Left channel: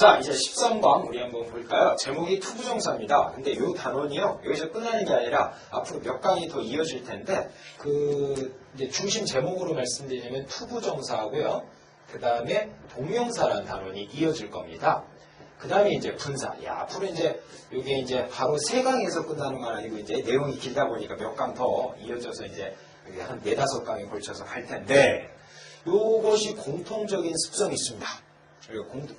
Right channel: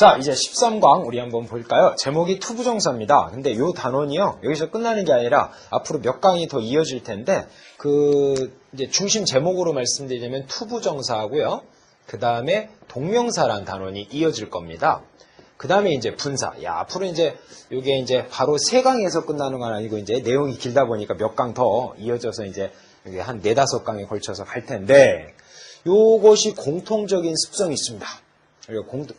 자, 이제 13강 우리 한번 볼까요? 제목이 투부정사입니다. 근데 요 단원이요, 여기서 끝나는 게 아니라 앞으로 몇 강이 더 이어질 텐데, 이제 중심 제목으로 말씀드리자면 투부정사하고요. 그 다음에 동명사란 단원이 이어질 겁니다. 그 다음에 이제 분사. 앞으로 이제 요게 이제 바로 3강에서 끝나는 건 아니고 이제 내용이 길다 보니까 몇 강 더 이어져서 이제 한 4-5강에 걸쳐서 갈 텐데, 요것이 공통적인 습성이 있습니다.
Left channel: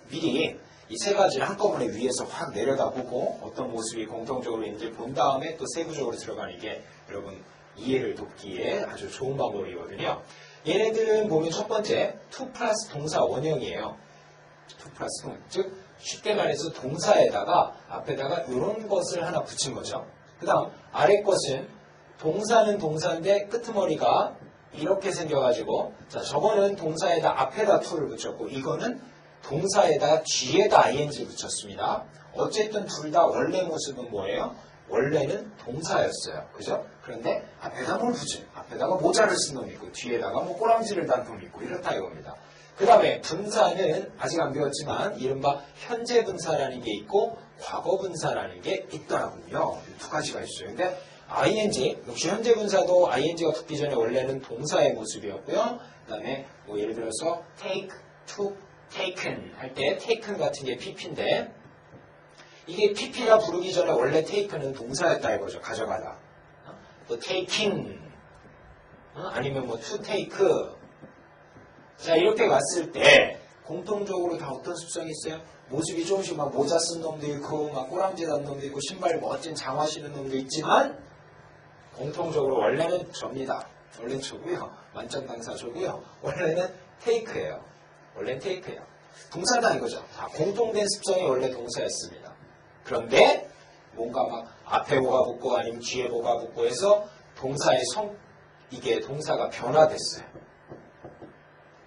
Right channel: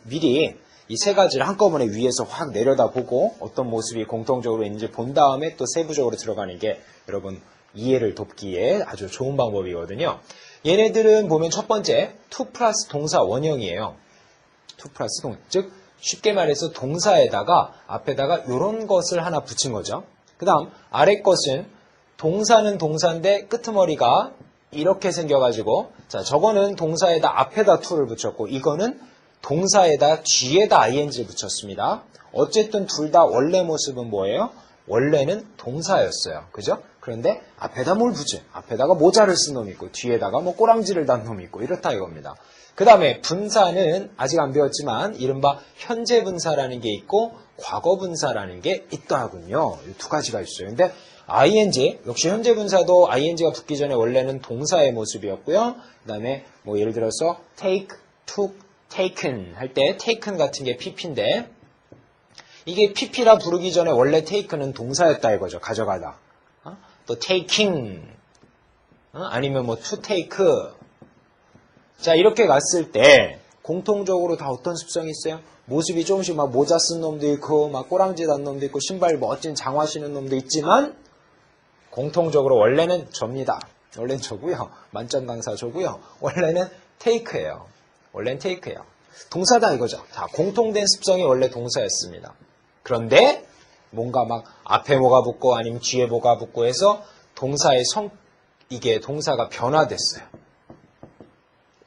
미리 이 3가지를 한꺼번에 위에서 확 내려다보고 어떤 모습이 공통적으로 있는지 본 다음에 또 세부적으로 들어가는 게 여러분 이해를 돕기에 아주 좋은 방법이거든요. 얘네들은 보면 첫 번째 to 플러스 동사 원형이에요. to 플러스 즉 쉽게 말해서 동사에다가 앞에다가 이런 것을 하나 붙인 거죠. 그 다음 아래 것은 동사는 동사인데 끄트머리가 이렇게 생겨가지고, 자, 저거는 동사에다 앞에다 to를 붙였고, 이거는 동사에다 뒤에다 ing를 붙였습니다. 어쨌든 둘 다 원래 모습은 뭐예요? 원래는 동사였어요. 그죠? 그런데 앞에다 뭘 붙여? 앞에다가 모자를 쓴 놈이 있고, 뒤에다가 뭐 꼬랑지를 단 놈이 있고, 이렇다 이겁니다. 그 다음에 분사는 아직 안 배웠지만, 이른바 현재 분사라는 게 있고, 과거 분사라는 게 있더라군요. 이 2가지가 있어요. 근데 ing, 역시 현재 분사도 ing가 붙기 전에 원래는 동사의 모습이었고요. 그 다음에 뭐 예를 들어서 take, took, taken 할 때 taken 같은 게 pp인데, 이게 pp라 부르기 전에 원래 taken은 동사였다 이거죠. 가져가다. 또 taking, 아니면 뭐 to take. 자, 이렇게 갔을 때 공통적으로 다 어떤 습성이 있어요? 모습이 조금씩 막 모자 쓴 놈도 있고, 막 꼬랑지 단 놈도 있고, 신발 멋진 장화 신은 놈도 있지만, 공통적으로 원래는 접니다. 원래는 저고요. 만점 강사 저고요. 원래는 take예요. 원래는 take예요. 동사다 이거죠. 자, 공통된 습성이 원래 동사였습니다. 그런데 뭔가 막 앞에 뭐가 붙고 아니면 뒤에 뭐가 붙고 해서 동사의 이게 동사가 변화됐어요.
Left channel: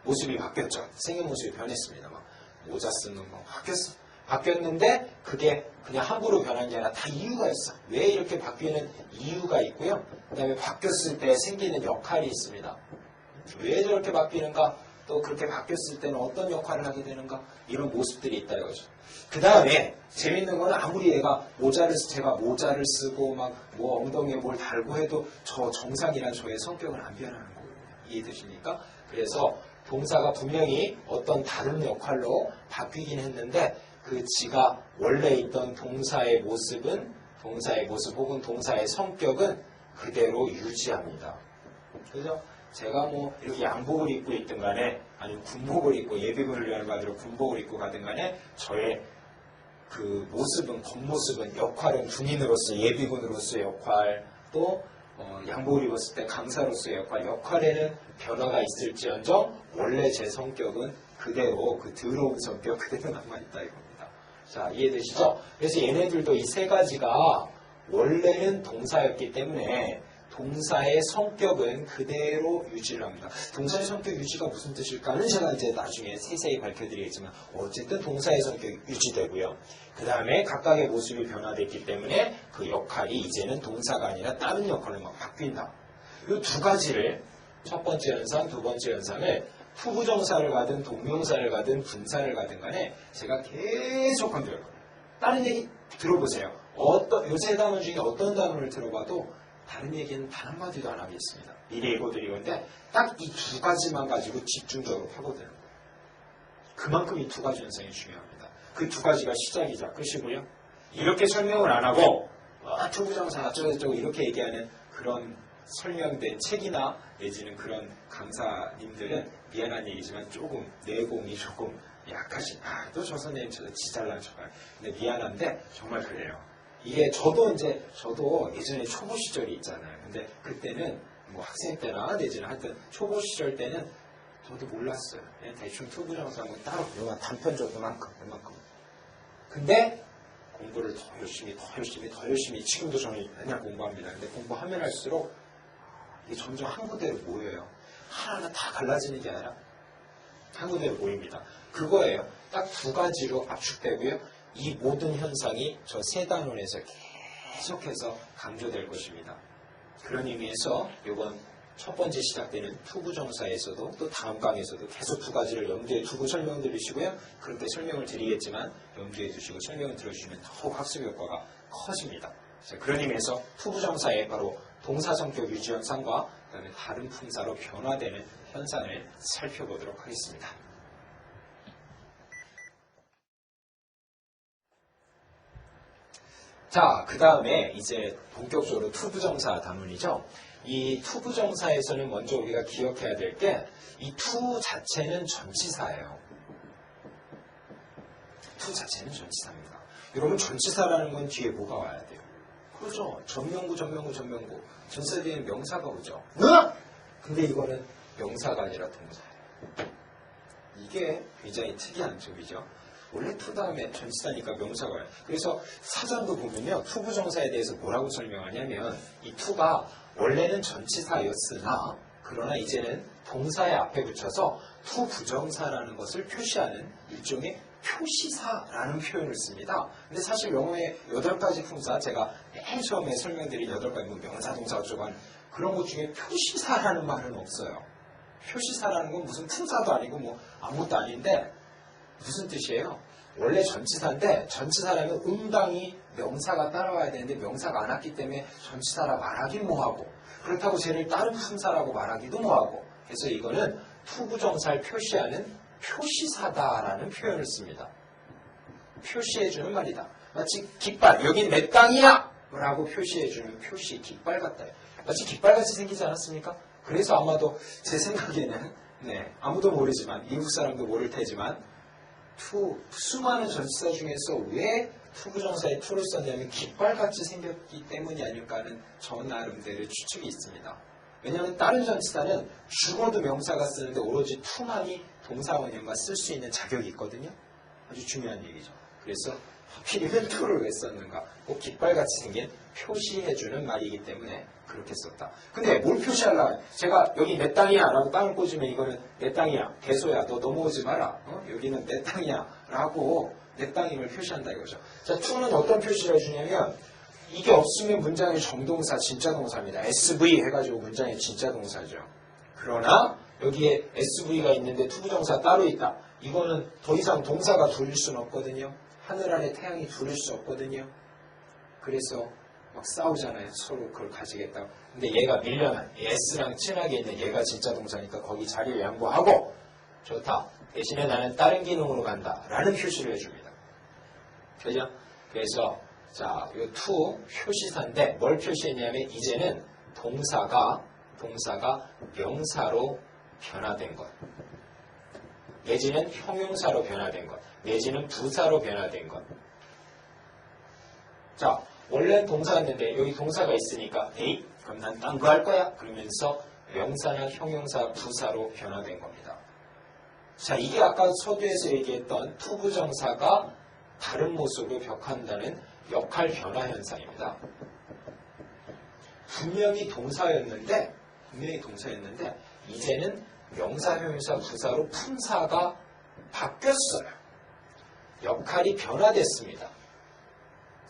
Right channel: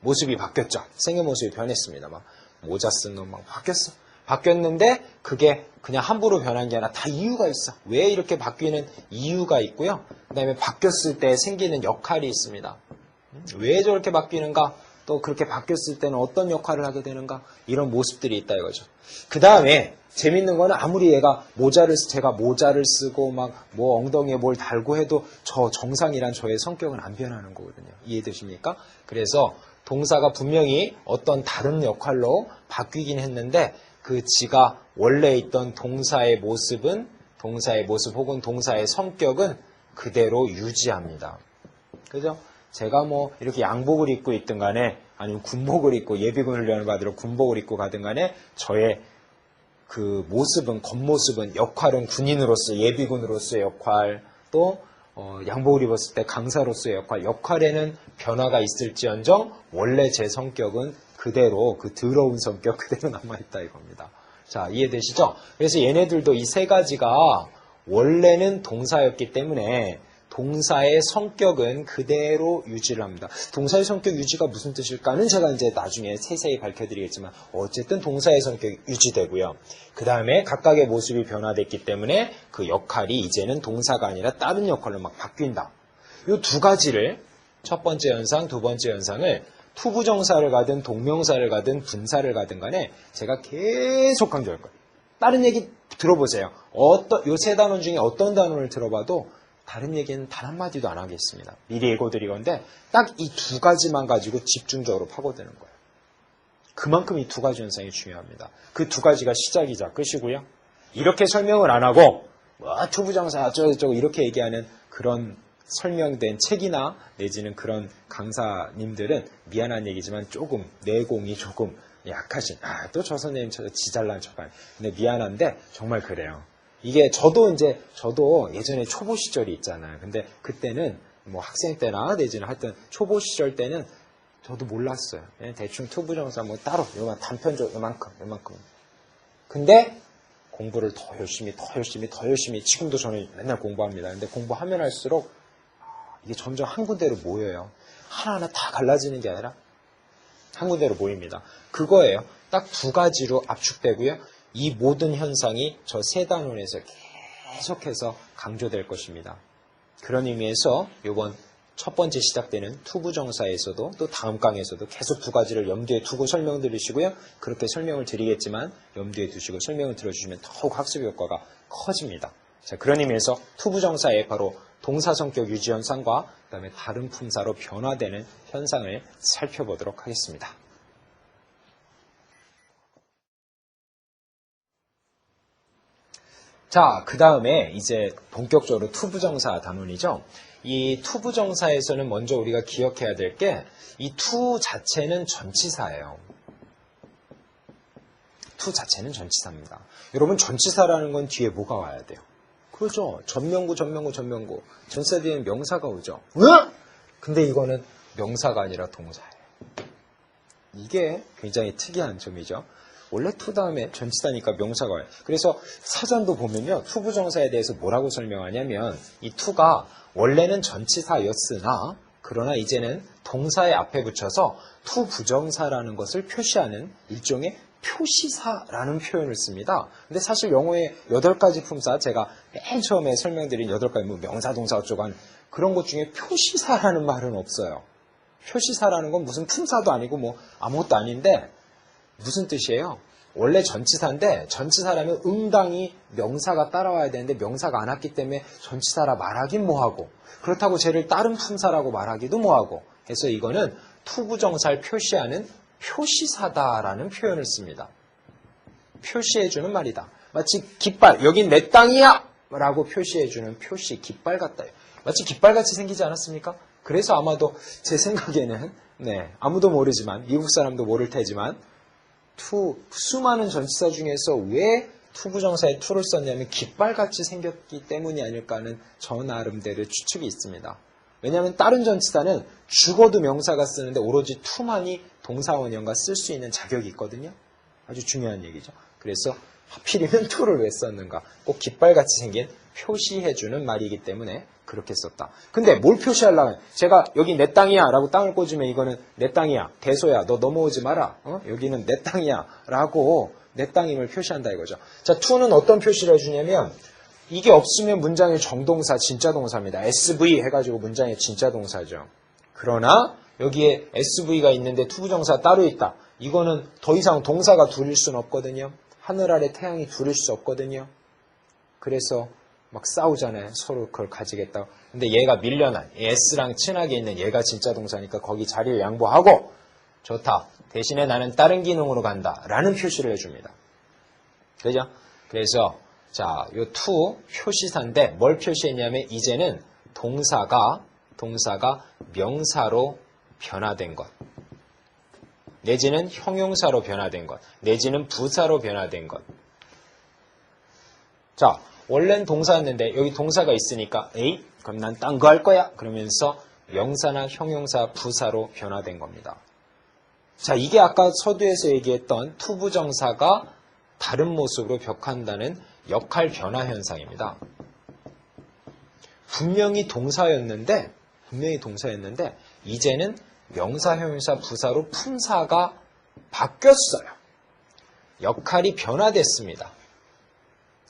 모습이 바뀌었죠. 생의 모습이 변했습니다. 막 모자 쓴 놈 막 바뀌었어. 바뀌었는데 그게 그냥 함부로 변한 게 아니라 다 이유가 있어. 왜 이렇게 바뀌는 이유가 있고요. 그 다음에 바뀌었을 때 생기는 역할이 있습니다. 왜 저렇게 바뀌는가? 또 그렇게 바뀌었을 때는 어떤 역할을 하게 되는가? 이런 모습들이 있다 이거죠. 그 다음에 재밌는 거는 아무리 제가 모자를 쓰고 막 뭐 엉덩이에 뭘 달고 해도 저 정상이란 저의 성격은 안 변하는 거거든요. 이해되십니까? 그래서 동사가 분명히 어떤 다른 역할로 바뀌긴 했는데 그 지가 원래 있던 동사의 모습 혹은 동사의 성격은 그대로 유지합니다. 그죠? 제가 뭐 이렇게 양복을 입고 있든 간에 아니면 군복을 입고 예비군 훈련을 받으러 군복을 입고 가든 간에 저의 그 모습은, 겉모습은, 역할은 군인으로서 예비군으로서의 역할, 또 양복을 입었을 때 강사로서의 역할에는 변화가 있을지언정 원래 제 성격은 그대로, 그 더러운 성격 그대로 남아있다 이겁니다. 자, 이해되시죠? 그래서 얘네들도 이 3가지가 원래는 동사였기 때문에 동사의 성격은 그대로 유지를 합니다. 동사의 성격 유지가 무슨 뜻일까는 제가 이제 나중에 세세히 밝혀드리겠지만 어쨌든 동사의 성격이 유지되고요. 그 다음에 각각의 모습이 변화됐기 때문에 그 역할이 이제는 동사가 아니라 다른 역할로 막 바뀐다. 이 2가지를 첫 번째 현상, 두 번째 현상을 투부정사를 가든 동명사를 가든 분사를 가든 간에 제가 계속 강조할 거예요. 다른 얘기 들어보세요. 요 3단원 중에 어떤 단원을 들어봐도 다른 얘기는 단 한마디도 안 하겠습니다. 미리 예고드릴 건데 딱 이 2가지만 가지고 집중적으로 파고드는 거예요. 그만큼 이 2가지 현상이 중요합니다. 그 2가지가 시작이자 끝이고요. 이렇게 설명을 안 하고 투부정사 어쩌고저쩌고 이렇게 얘기하는 그런 설명된 책이나 내지는 그런 강사님들은 미안한 얘기지만 조금 내공이 조금 약하신, 또 저 선생님 지잘난 척하네. 근데 미안한데 정말 그래요. 이게 저도 예전에 초보 시절이 있잖아요. 근데 그때는 뭐 학생 때나 내지는 하여튼 초보 시절 때는 저도 몰랐어요. 그냥 대충 투부정사 뭐 따로 단편적 요만큼. 근데 공부를 더 열심히 지금도 저는 맨날 공부합니다. 근데 공부하면 할수록 이게 점점 한 군데로 모여요. 하나하나 다 갈라지는 게 아니라 한 군데로 모입니다. 그거예요. 딱 2가지로 압축되고요. 이 모든 현상이 저 3단원에서 계속해서 강조될 것입니다. 그런 의미에서 이번 첫 번째 시작되는 투부정사에서도 또 다음 강에서도 계속 두 가지를 염두에 두고 설명드리시고요. 그렇게 설명을 드리겠지만 염두에 두시고 설명을 들어주시면 더욱 학습 효과가 커집니다. 자, 그런 의미에서 투부정사의 바로 동사 성격 유지 현상과 그다음에 다른 품사로 변화되는 현상을 살펴보도록 하겠습니다. 자, 그 다음에 이제 본격적으로 투부정사 단원이죠. 이 투부정사에서는 먼저 우리가 기억해야 될 게 이 투 자체는 전치사예요. 투 자체는 전치사입니다. 여러분 전치사라는 건 뒤에 뭐가 와야 돼요? 그렇죠. 전명구. 전치사 뒤엔 명사가 오죠. 근데 이거는 명사가 아니라 동사예요. 이게 굉장히 특이한 점이죠. 원래 투 다음에 전치사니까 명사가 와요. 그래서 사전도 보면요. 투부정사에 대해서 뭐라고 설명하냐면 이 투가 원래는 전치사였으나 그러나 이제는 동사의 앞에 붙여서 투부정사라는 것을 표시하는 일종의 표시사라는 표현을 씁니다. 근데 사실 영어의 8가지 품사, 제가 맨 처음에 설명드린 8가지 뭐 명사, 동사 어쩌고 한 그런 것 중에 표시사라는 말은 없어요. 표시사라는 건 무슨 품사도 아니고 뭐 아무것도 아닌데 무슨 뜻이에요? 원래 전치사인데 전치사라면 응당히 명사가 따라와야 되는데 명사가 안 왔기 때문에 전치사라 말하긴 뭐하고 그렇다고 쟤를 다른 품사라고 말하기도 뭐하고 해서 이거는 투부정사를 표시하는 표시사다라는 표현을 씁니다. 표시해주는 말이다. 마치 깃발, 여긴 내 땅이야! 라고 표시해주는 표시, 깃발 같다. 마치 깃발같이 생기지 않았습니까? 그래서 아마도 제 생각에는 아무도 모르지만 미국 사람도 모를 테지만 수많은 전치사 중에서 왜 투부정사에 투를 썼냐면 깃발같이 생겼기 때문이 아닐까 하는 저 나름대로의 추측이 있습니다. 왜냐하면 다른 전치사는 죽어도 명사가 쓰는데 오로지 투만이 동사원형과 쓸 수 있는 자격이 있거든요. 아주 중요한 얘기죠. 그래서 하필이면 투를 왜 썼는가? 꼭 깃발같이 생긴 표시해주는 말이기 때문에 그렇게 썼다. 근데 뭘 표시하려면 제가 여기 내 땅이야 라고 땅을 꽂으면 이거는 내 땅이야. 대소야. 너 넘어오지 마라. 여기는 내 땅이야 라고 내 땅임을 표시한다 이거죠. 자, 투는 어떤 표시를 해주냐면 이게 없으면 문장의 정동사, 진짜 동사입니다. SV 해가지고 문장의 진짜 동사죠. 그러나 여기에 SV가 있는데 투부정사 따로 있다. 이거는 더 이상 동사가 둘일 수는 없거든요. 하늘 아래 태양이 둘일 수 없거든요. 그래서 막 싸우잖아요. 서로 그걸 가지겠다고. 근데 얘가 밀려난 S랑 친하게 있는 얘가 진짜 동사니까 거기 자리를 양보하고 좋다. 대신에 나는 다른 기능으로 간다. 라는 표시를 해줍니다. 그죠? 그래서 자, 요 투 표시사인데 뭘 표시했냐면 이제는 동사가 명사로 변화된 것. 내지는 형용사로 변화된 것. 내지는 부사로 변화된 것. 자, 원래는 동사였는데 여기 동사가 있으니까 에이? 그럼 난 딴 거 할 거야. 그러면서 명사나 형용사, 부사로 변화된 겁니다. 자, 이게 아까 서두에서 얘기했던 투부정사가 다른 모습으로 벽한다는 역할 변화 현상입니다. 분명히 동사였는데 이제는 명사, 형용사, 부사로 품사가 바뀌었어요. 역할이 변화됐습니다.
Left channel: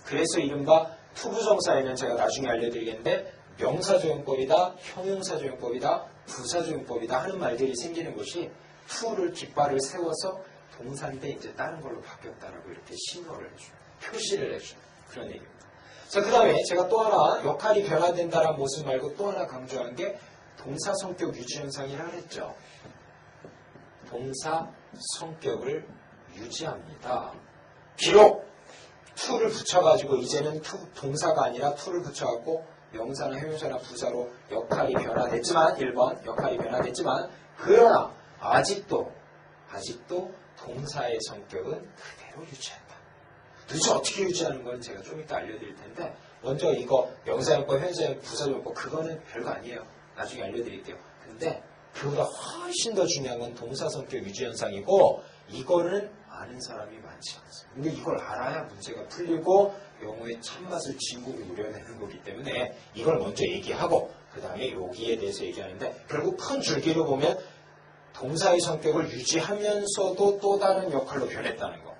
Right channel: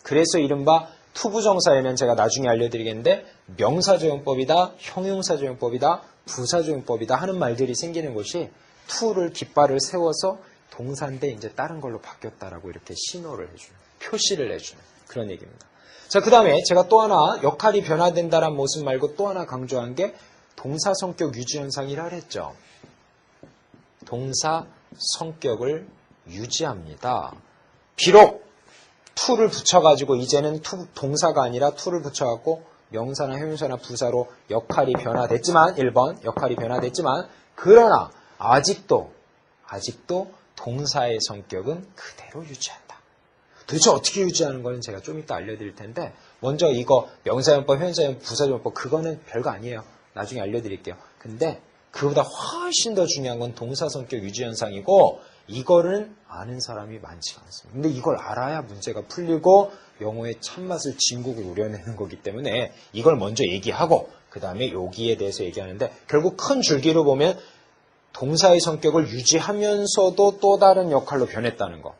그래서 이른바 투부정사에는 제가 나중에 알려드리겠는데 명사조용법이다, 형용사조용법이다, 부사조용법이다 하는 말들이 생기는 것이 투를 깃발을 세워서 동사인데 이제 다른 걸로 바뀌었다라고 이렇게 신호를 해주는, 표시를 해주는 그런 얘기입니다. 자, 그 다음에 제가 또 하나 역할이 변화된다는 모습 말고 또 하나 강조한 게 동사 성격 유지 현상이라 그랬죠. 동사 성격을 유지합니다. 비록 투를 붙여가지고 이제는 동사가 아니라 투를 붙여갖고 명사나 형용사나 부사로 역할이 변화됐지만 1번 역할이 변화됐지만 그러나 아직도 동사의 성격은 그대로 유지한다. 도대체 어떻게 유지하는 거는 제가 좀 이따 알려드릴 텐데 먼저 이거 명사용법, 형용사용법, 부사용법 그거는 별거 아니에요. 나중에 알려드릴게요. 근데 그보다 훨씬 더 중요한 건 동사 성격 유지 현상이고 이거는 아는 사람이 많지 않습니다. 근데 이걸 알아야 문제가 풀리고 영어의 참맛을 진국을 우려내는 거기 때문에 이걸 먼저 얘기하고 그 다음에 여기에 대해서 얘기하는데 결국 큰 줄기로 보면 동사의 성격을 유지하면서도 또 다른 역할로 변했다는 거.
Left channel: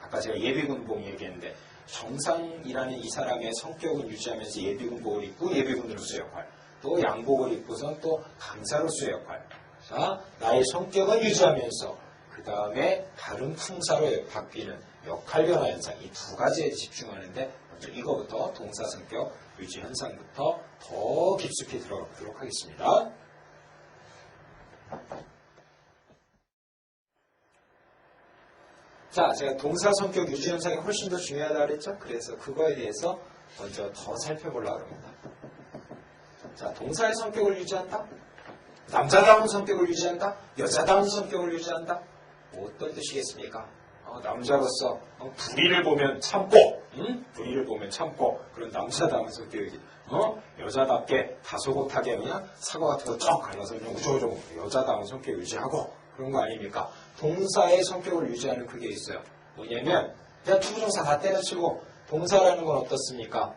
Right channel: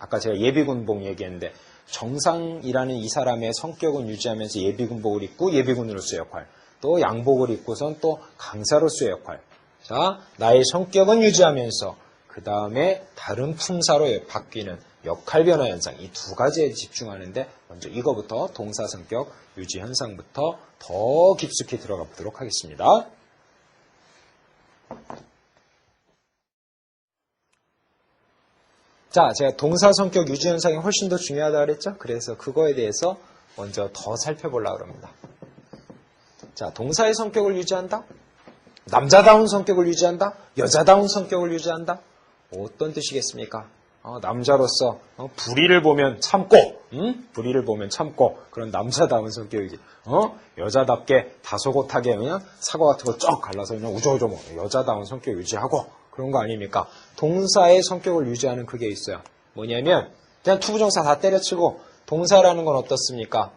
아까 제가 예비군복 얘기했는데 정상이라는 이 사람의 성격은 유지하면서 예비군복을 입고 예비군으로서의 역할. 또 양복을 입고선 또 강사로서의 역할. 자, 나의 성격은 유지하면서 그 다음에 다른 품사로 바뀌는 역할 변화 현상. 이 두 가지에 집중하는데 먼저 이거부터 동사 성격 유지 현상부터 더 깊숙이 들어가 보도록 하겠습니다. 자, 제가 동사 성격 유지 현상이 훨씬 더 중요하다고 그랬죠? 그래서 그거에 대해서 먼저 더 살펴보려고 합니다. 자, 동사의 성격을 유지한다? 남자다운 성격을 유지한다? 여자다운 성격을 유지한다? 어떤 뜻이겠습니까? 남자로서 불의를 보면 참고, 불의를 보면 참고 그런 남자다운 성격이지. 여자답게 다소곳하게 그냥 사과 같은 거 쩍 갈라서 그냥 우저우저 먹고 여자다운 성격 유지하고 그런 거 아닙니까? 동사의 성격을 유지하는 그게 있어요. 뭐냐면 그냥 투부정사 다 때려치고 동사라는 건 어떻습니까?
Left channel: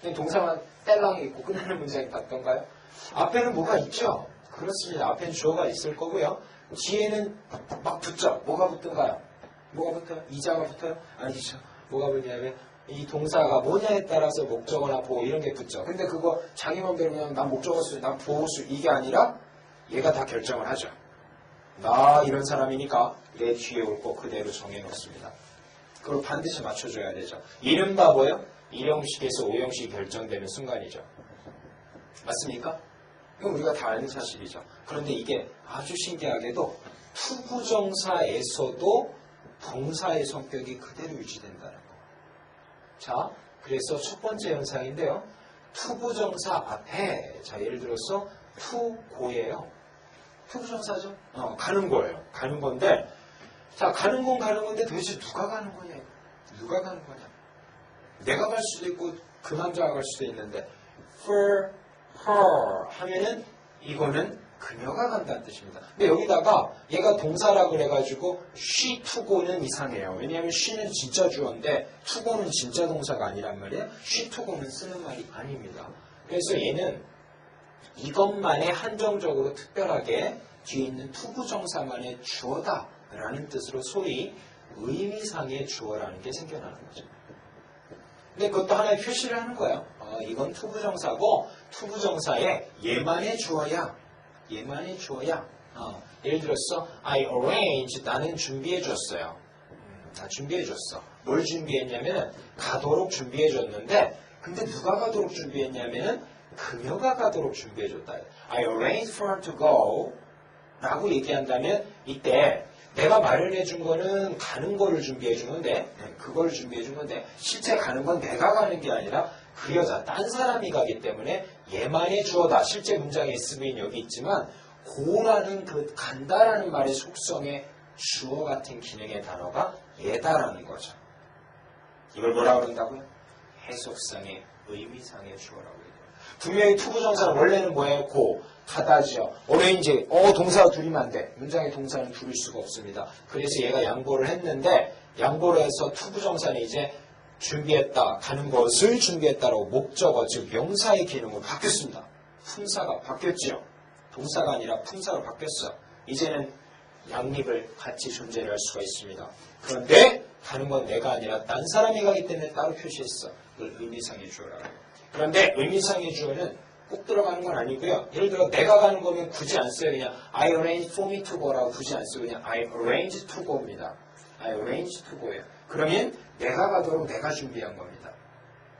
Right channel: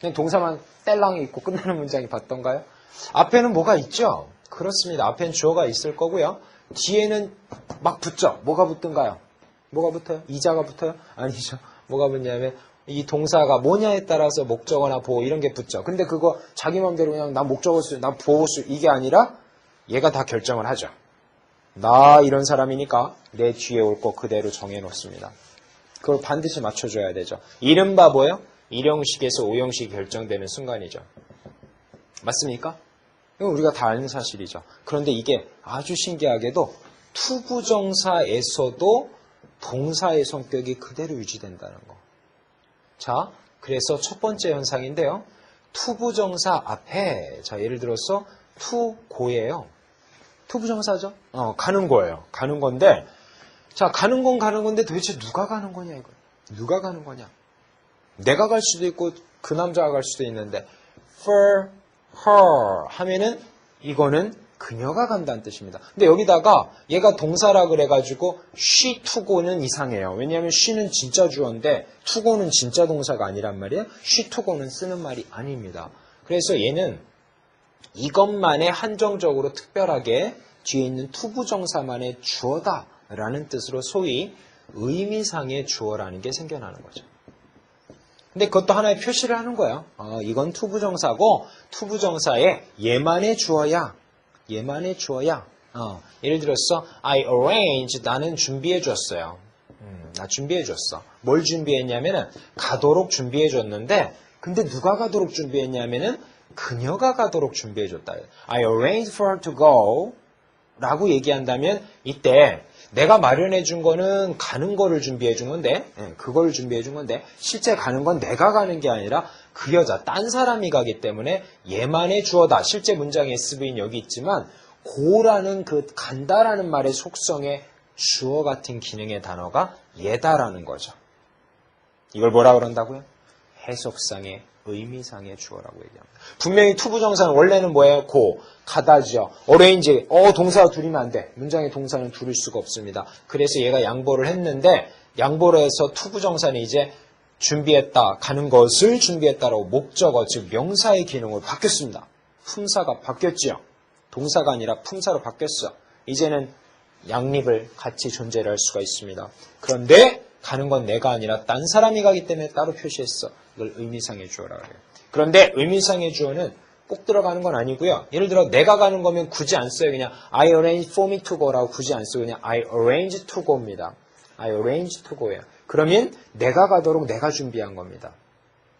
그냥 동사만 뗄랑이 있고 끝나는 문장이 봤던가요? 앞에는 뭐가 있죠? 그렇습니다. 앞에는 주어가 있을 거고요. 뒤에는 막 붙죠. 뭐가 붙든가요? 뭐가 붙어요? 이자가 붙어요? 아니죠. 뭐가 붙냐면 이 동사가 뭐냐에 따라서 목적어나 보호 이런 게 붙죠. 근데 그거 자기 마음대로 그냥 나 목적어 수, 나 보호 수 이게 아니라 얘가 다 결정을 하죠. 나 이런 사람이니까 내 뒤에 올 거 그대로 정해놓습니다. 그걸 반드시 맞춰줘야 되죠. 이른바 뭐예요? 1형식에서 5형식이 결정되는 순간이죠. 맞습니까? 이건 우리가 다 아는 사실이죠. 그런데 이게 아주 신기하게도 투부정사에서도 동사의 성격이 그대로 유지된다는 거. 자, 그래서 첫 번째 현상인데요. 투부정사 앞에, 자, 예를 들어서 투고예요. 투부정사죠? 가는 거예요. 가는 건데, 자, 가는 건 가는 건데 도대체 누가 가는 거냐, 이거. 누가 가는 거냐. 내가 갈 수도 있고, 그 남자가 갈 수도 있는데, for her 하면은 이거는 그녀가 간다는 뜻입니다. 근데 여기다가 얘가 동사라 그래가지고 she to go는 이상해요. 왜냐하면 she는 진짜 주어인데 to go는 진짜 동사가 아니란 말이에요. she to go는 쓰는 말이 아닙니다. 그래서 얘는 이것만의 한정적으로 특별하게 뒤에 있는 투부정사만의 주어다라는 뜻으로 소위 의미상의 주어라는 게 생겨나는 거죠. 근데 그것도 하나의 표시를 하는 거예요. 이건 투부정사고 투부정사에 얘만의 주어야. 얘만의 주어야. 예를 들어서 I arrange 나는 준비해 줬어요. 나 준비해 줬어. 뭘 준비했냐면은 가도록 준비해 줬는데 근데 누가 가도록 준비했냐면은 그녀가 가도록 준비해 줬다. I arranged for her to go 라고 얘기한다면 이때 내가 마련해 준 거는 가는 거를 준비해 준 건데 그걸 준비해 준 건데 실제 가는 건 내가 가는 게 아니라 그 여자 딴 사람이 가기 때문에 얘만의 주어다. 실제 문장의 SV는 여기 있지만 고라는 그 간다라는 말의 속성의 주어 같은 기능의 단어가 얘다라는 거죠. 이걸 뭐라 그런다고요? 해석상의 의미상의 주어라고 얘기합니다. 분명히 투부정사는 원래는 뭐예요? 고, 가다죠. arrange, 동사가 둘이면 안 돼. 문장의 동사는 둘일 수가 없습니다. 그래서 얘가 양보를 했는데 양보를 해서 투부정사는 이제 준비했다, 가는 것을 준비했다라고 목적어, 즉 명사의 기능으로 바뀌었습니다. 품사가 바뀌었지요. 동사가 아니라 품사로 바뀌었어. 이제는 양립을 같이 존재를 할 수가 있습니다. 그런데 가는 건 내가 아니라 딴 사람이 가기 때문에 따로 표시했어. 이걸 의미상의 주어라고 해요. 그런데 의미상의 주어는 꼭 들어가는 건 아니고요. 예를 들어 내가 가는 거면 굳이 안 써요. 그냥 I arrange for me to go라고 굳이 안 쓰고 그냥 I arrange to go입니다. I arrange to go예요. 그러면 내가 가도록 내가 준비한 겁니다.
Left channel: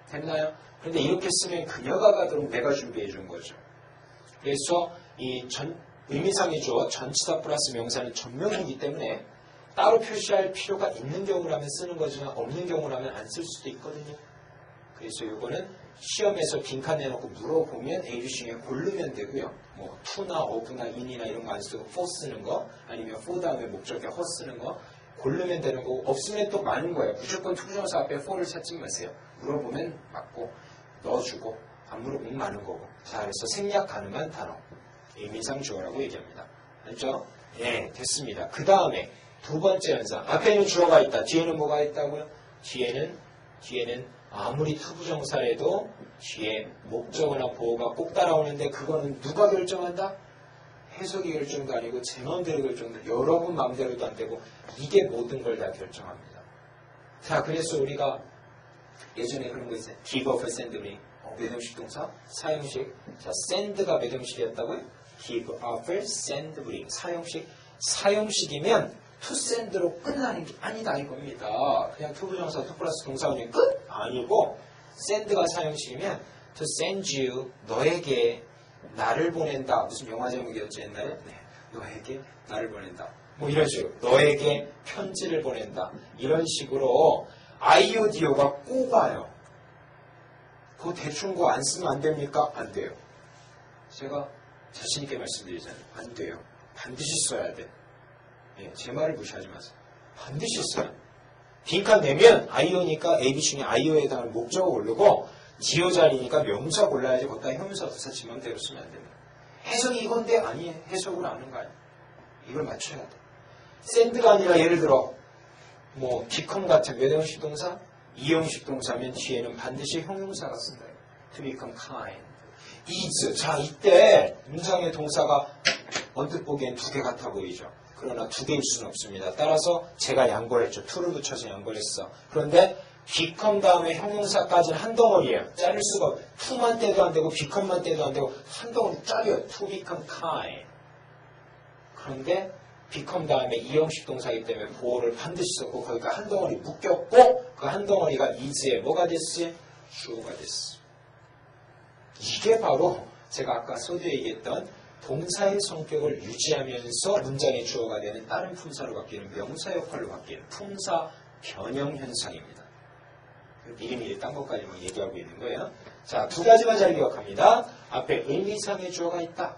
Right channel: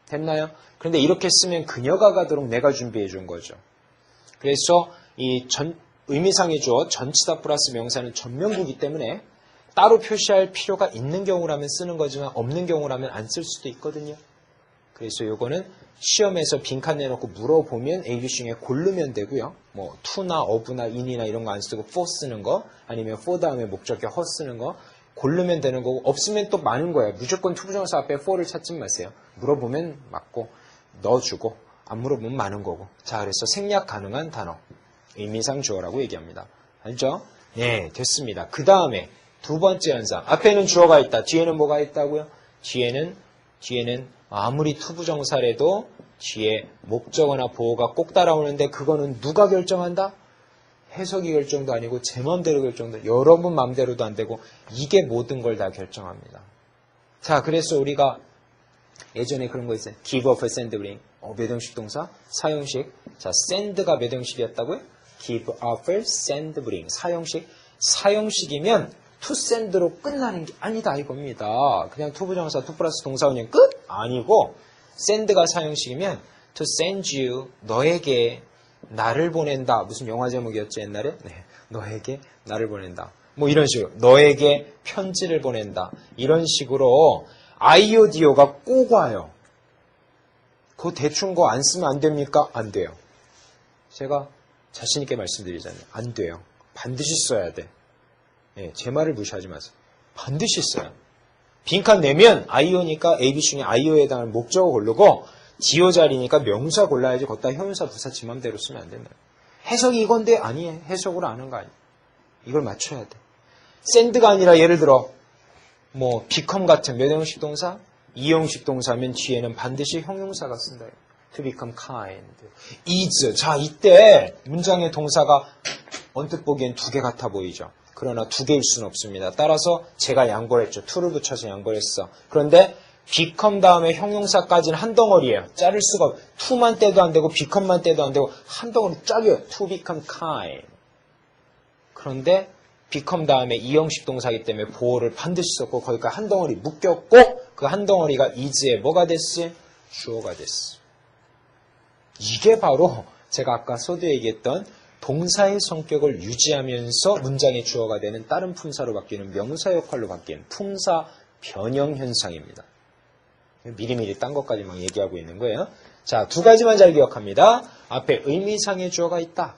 됐나요? 그런데 이렇게 쓰면 그녀가 가도록 내가 준비해 준 거죠. 그래서 이 의미상의 주어 전치사 플러스 명사는 전명구이기 때문에 따로 표시할 필요가 있는 경우라면 쓰는 거지만 없는 경우라면 안 쓸 수도 있거든요. 그래서 이거는 시험에서 빈칸 내놓고 물어보면 A, B 중에 고르면 되고요. 뭐 to나 of나 in이나 이런 거 안 쓰고 for 쓰는 거 아니면 for 다음에 목적격 her 쓰는 거 고르면 되는 거고 없으면 또 많은 거예요. 무조건 투부정사 앞에 for를 찾지 마세요. 물어보면 맞고 넣어주고 안 물어보면 많은 거고. 자, 그래서 생략 가능한 단어 의미상 주어라고 얘기합니다. 알죠? 네, 됐습니다. 그 다음에 두 번째 현상. 앞에는 주어가 있다. 뒤에는 뭐가 있다고요? 뒤에는 아무리 투부정사래도 뒤에 목적어나 보어가 꼭 따라오는데 그거는 누가 결정한다? 해석이 결정도 아니고 제 마음대로 결정도 여러분 마음대로도 안 되고 이게 모든 걸 다 결정합니다. 자, 그래서 우리가 예전에 그런 거 있어요. Give up and bring. 몇 형식 동사? 4형식. 자, send가 몇 형식이었다고요? give, offer, send, bring. 4형식. 4형식이면 to send로 끝나는 게 아니다 이겁니다. 그냥 투부정사, to 플러스 동사원이 끝? 아니고 send가 4형식이면 to send you, 너에게 나를 보낸다. 무슨 영화 제목이었죠 옛날에? 네, 너에게 나를 보낸다. 뭐 이런 식으로 너에게 편지를 보낸다. 이런 식으로 IODO가 꼭 와요. 그거 대충 거 안 쓰면 안 됩니까? 안 돼요. 제가 자신 있게 말씀드리잖아요. 안 돼요. 반드시 써야 돼. 예, 제 말을 무시하지 마세요. 반드시 써요. 빈칸 내면 IO니까 AB 중에 IO에 해당하는 목적어 고르고 디오 자리니까 명사 골라야지 거기다 형용사 부사 지 맘대로 쓰면 안 된다. 해석이 이건데 아니에요. 해석으로 아는 거 아니에요. 이걸 맞춰야 돼. send가 아니라 예를 들어 뭐 become 같은 몇 형식 동사? 2형식 동사면 뒤에는 반드시 형용사가 쓴다. to become kind. is. 자, 이때 문장의 동사가 언뜻 보기엔 두 개 같아 보이죠. 그러나 두 개일 수는 없습니다. 따라서 제가 양보를 했죠. to를 붙여서 양보를 했어. 그런데 become 다음에 형용사까지는 한 덩어리예요. 자를 수가 없어요. to만 떼도 안 되고 become만 떼도 안 되고 한 덩어리 짝이에요. to become kind. 그런데 become 다음에 2형식 동사이기 때문에 보호를 반드시 썼고 거기까지 한 덩어리 묶였고 그 한 덩어리가 is에 뭐가 됐어요? 주어가 됐어. 이게 바로 제가 아까 서두에 얘기했던 동사의 성격을 유지하면서 문장의 주어가 되는 다른 품사로 바뀌는 명사 역할로 바뀌는 품사 변형 현상입니다. 미리미리 딴 것까지 막 얘기하고 있는 거예요. 자, 두 가지만 잘 기억합니다. 앞에 의미상의 주어가 있다.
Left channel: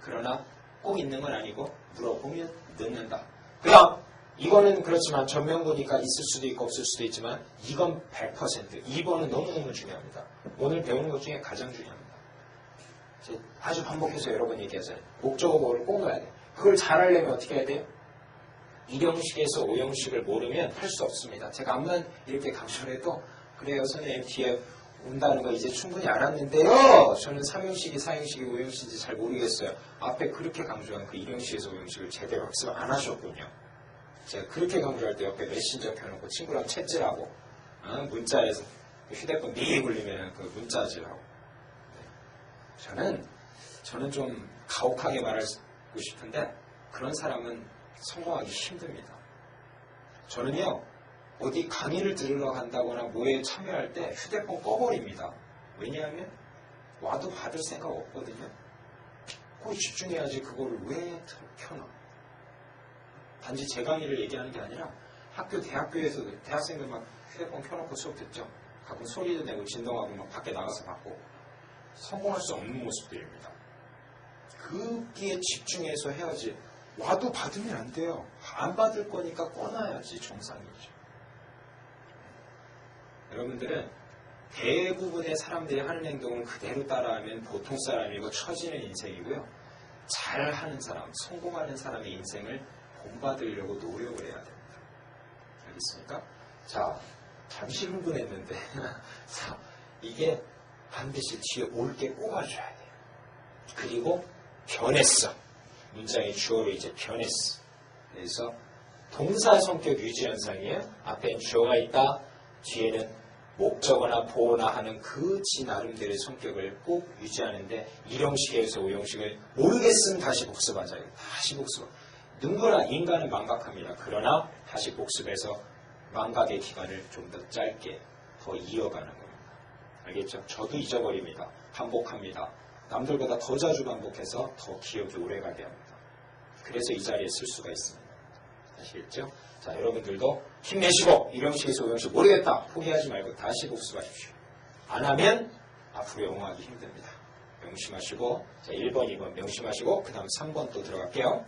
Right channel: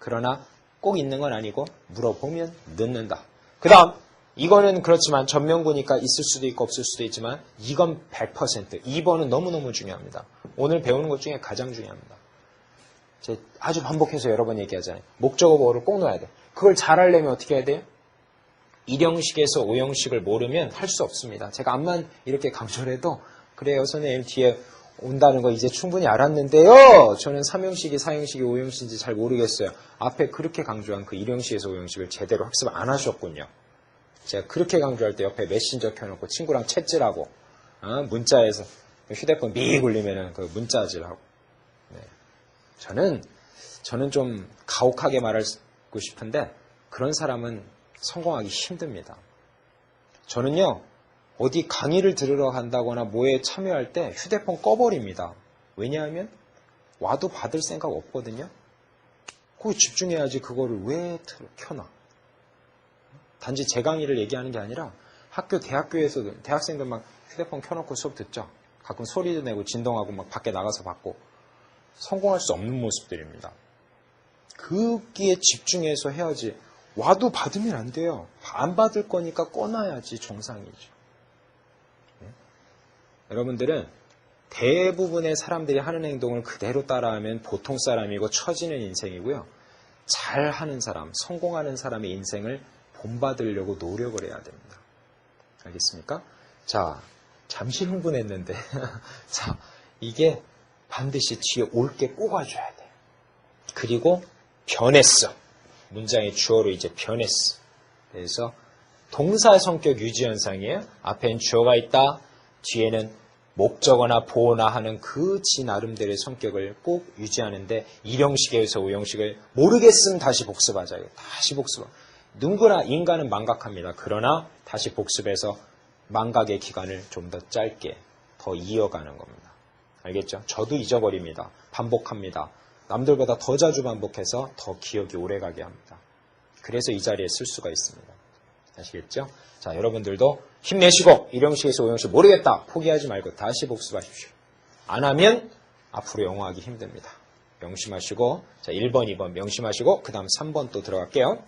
그러나 꼭 있는 건 아니고 물어보면 넣는다. 그 다음 이거는 그렇지만 전명구니까 있을 수도 있고 없을 수도 있지만 이건 100%. 2번은 너무너무 중요합니다. 오늘 배우는 것 중에 가장 중요합니다. 아주 반복해서 여러 번 얘기하잖아요. 목적어 보호를 꼭 넣어야 돼. 그걸 잘 하려면 어떻게 해야 돼요? 1형식에서 5형식을 모르면 할 수 없습니다. 제가 암만 이렇게 강조를 해도 그래요 선생님 뒤에 온다는 거 이제 충분히 알았는데요. 저는 3형식이 4형식이 5형식인지 잘 모르겠어요. 앞에 그렇게 강조한 그 1형식에서 5형식을 제대로 학습을 안 하셨군요. 제가 그렇게 강조할 때 옆에 메신저 켜놓고 친구랑 채질하고 문자에서 휴대폰 미 굴리면 그 문자질하고 저는 좀 가혹하게 말하고 싶은데 그런 사람은 성공하기 힘듭니다. 저는요 어디 강의를 들으러 간다거나 뭐에 참여할 때 휴대폰 꺼버립니다. 왜냐하면 와도 받을 생각 없거든요. 거기 집중해야지 그거를 왜 켜놔. 단지 제 강의를 얘기하는 게 아니라 대학교에서도 대학생들 막 휴대폰 켜놓고 수업 듣죠. 가끔 소리도 내고 진동하고 막 밖에 나가서 받고 성공할 수 없는 모습들입니다. 거기에 집중해서 해야지. 와도 받으면 안 돼요. 안 받을 거니까 꺼놔야지 정상이죠. 여러분들은 대부분의 사람들이 하는 행동을 그대로 따라하면 보통 사람이고 처지는 인생이고요. 잘하는 사람, 성공하는 사람의 인생을 본받으려고 노력을 해야 됩니다. 알겠습니까? 자, 잠시 흥분했는데 자, 이게 반드시 뒤에 올 게 꼽아줘야 돼요. 그리고 변했어. 문장의 주어로 이제 변했어. 그래서 동사 성격 유지 현상이에요. 앞엔 주어가 있다. 뒤에는 목적어나 보어나 하는 그 지 나름대로의 성격을 꼭 유지하는데 1형식에서 5형식을 모르겠으면 다시 복습하자. 다시 복습. 누구나 인간은 망각합니다. 그러나 다시 복습해서 망각의 기간을 좀 더 짧게 더 이어가는 겁니다. 알겠죠? 저도 잊어버립니다. 반복합니다. 남들보다 더 자주 반복해서 더 기억이 오래가게 합니다. 그래서 이 자리에 쓸 수가 있습니다. 아시겠죠? 자, 여러분들도 힘내시고 1형식에서 5형식 모르겠다. 포기하지 말고 다시 복습하십시오. 안 하면 앞으로 영어하기 힘듭니다. 명심하시고 자 1번, 2번 명심하시고 그 다음 3번 또 들어갈게요.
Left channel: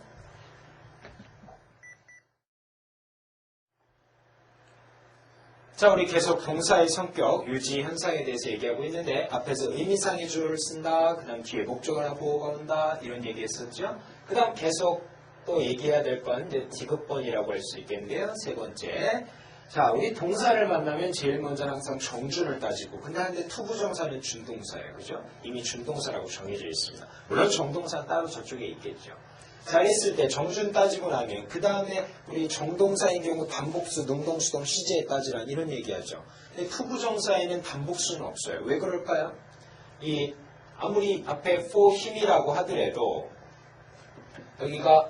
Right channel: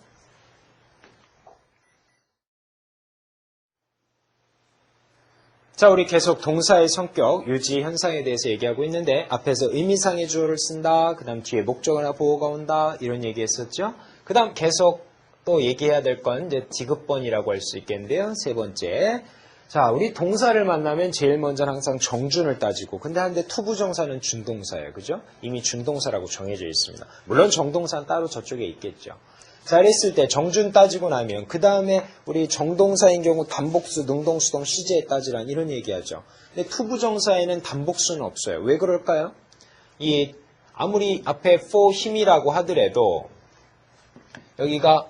자, 우리 계속 동사의 성격, 유지 현상에 대해서 얘기하고 있는데 앞에서 의미상의 주어를 쓴다. 그 다음 뒤에 목적어나 보어가 온다. 이런 얘기했었죠. 그 다음 계속 또 얘기해야 될 건 이제 디귿번이라고 할 수 있겠는데요. 세 번째. 자, 우리 동사를 만나면 제일 먼저는 항상 정준을 따지고 근데 투부정사는 준동사예요. 그죠? 이미 준동사라고 정해져 있습니다. 물론 정동사는 따로 저쪽에 있겠죠. 자, 이랬을 때 정준 따지고 나면 그 다음에 우리 정동사인 경우 단복수, 능동수동, 시제 따지란 이런 얘기하죠. 근데 투부정사에는 단복수는 없어요. 왜 그럴까요? 아무리 앞에 for 힘이라고 하더라도 여기가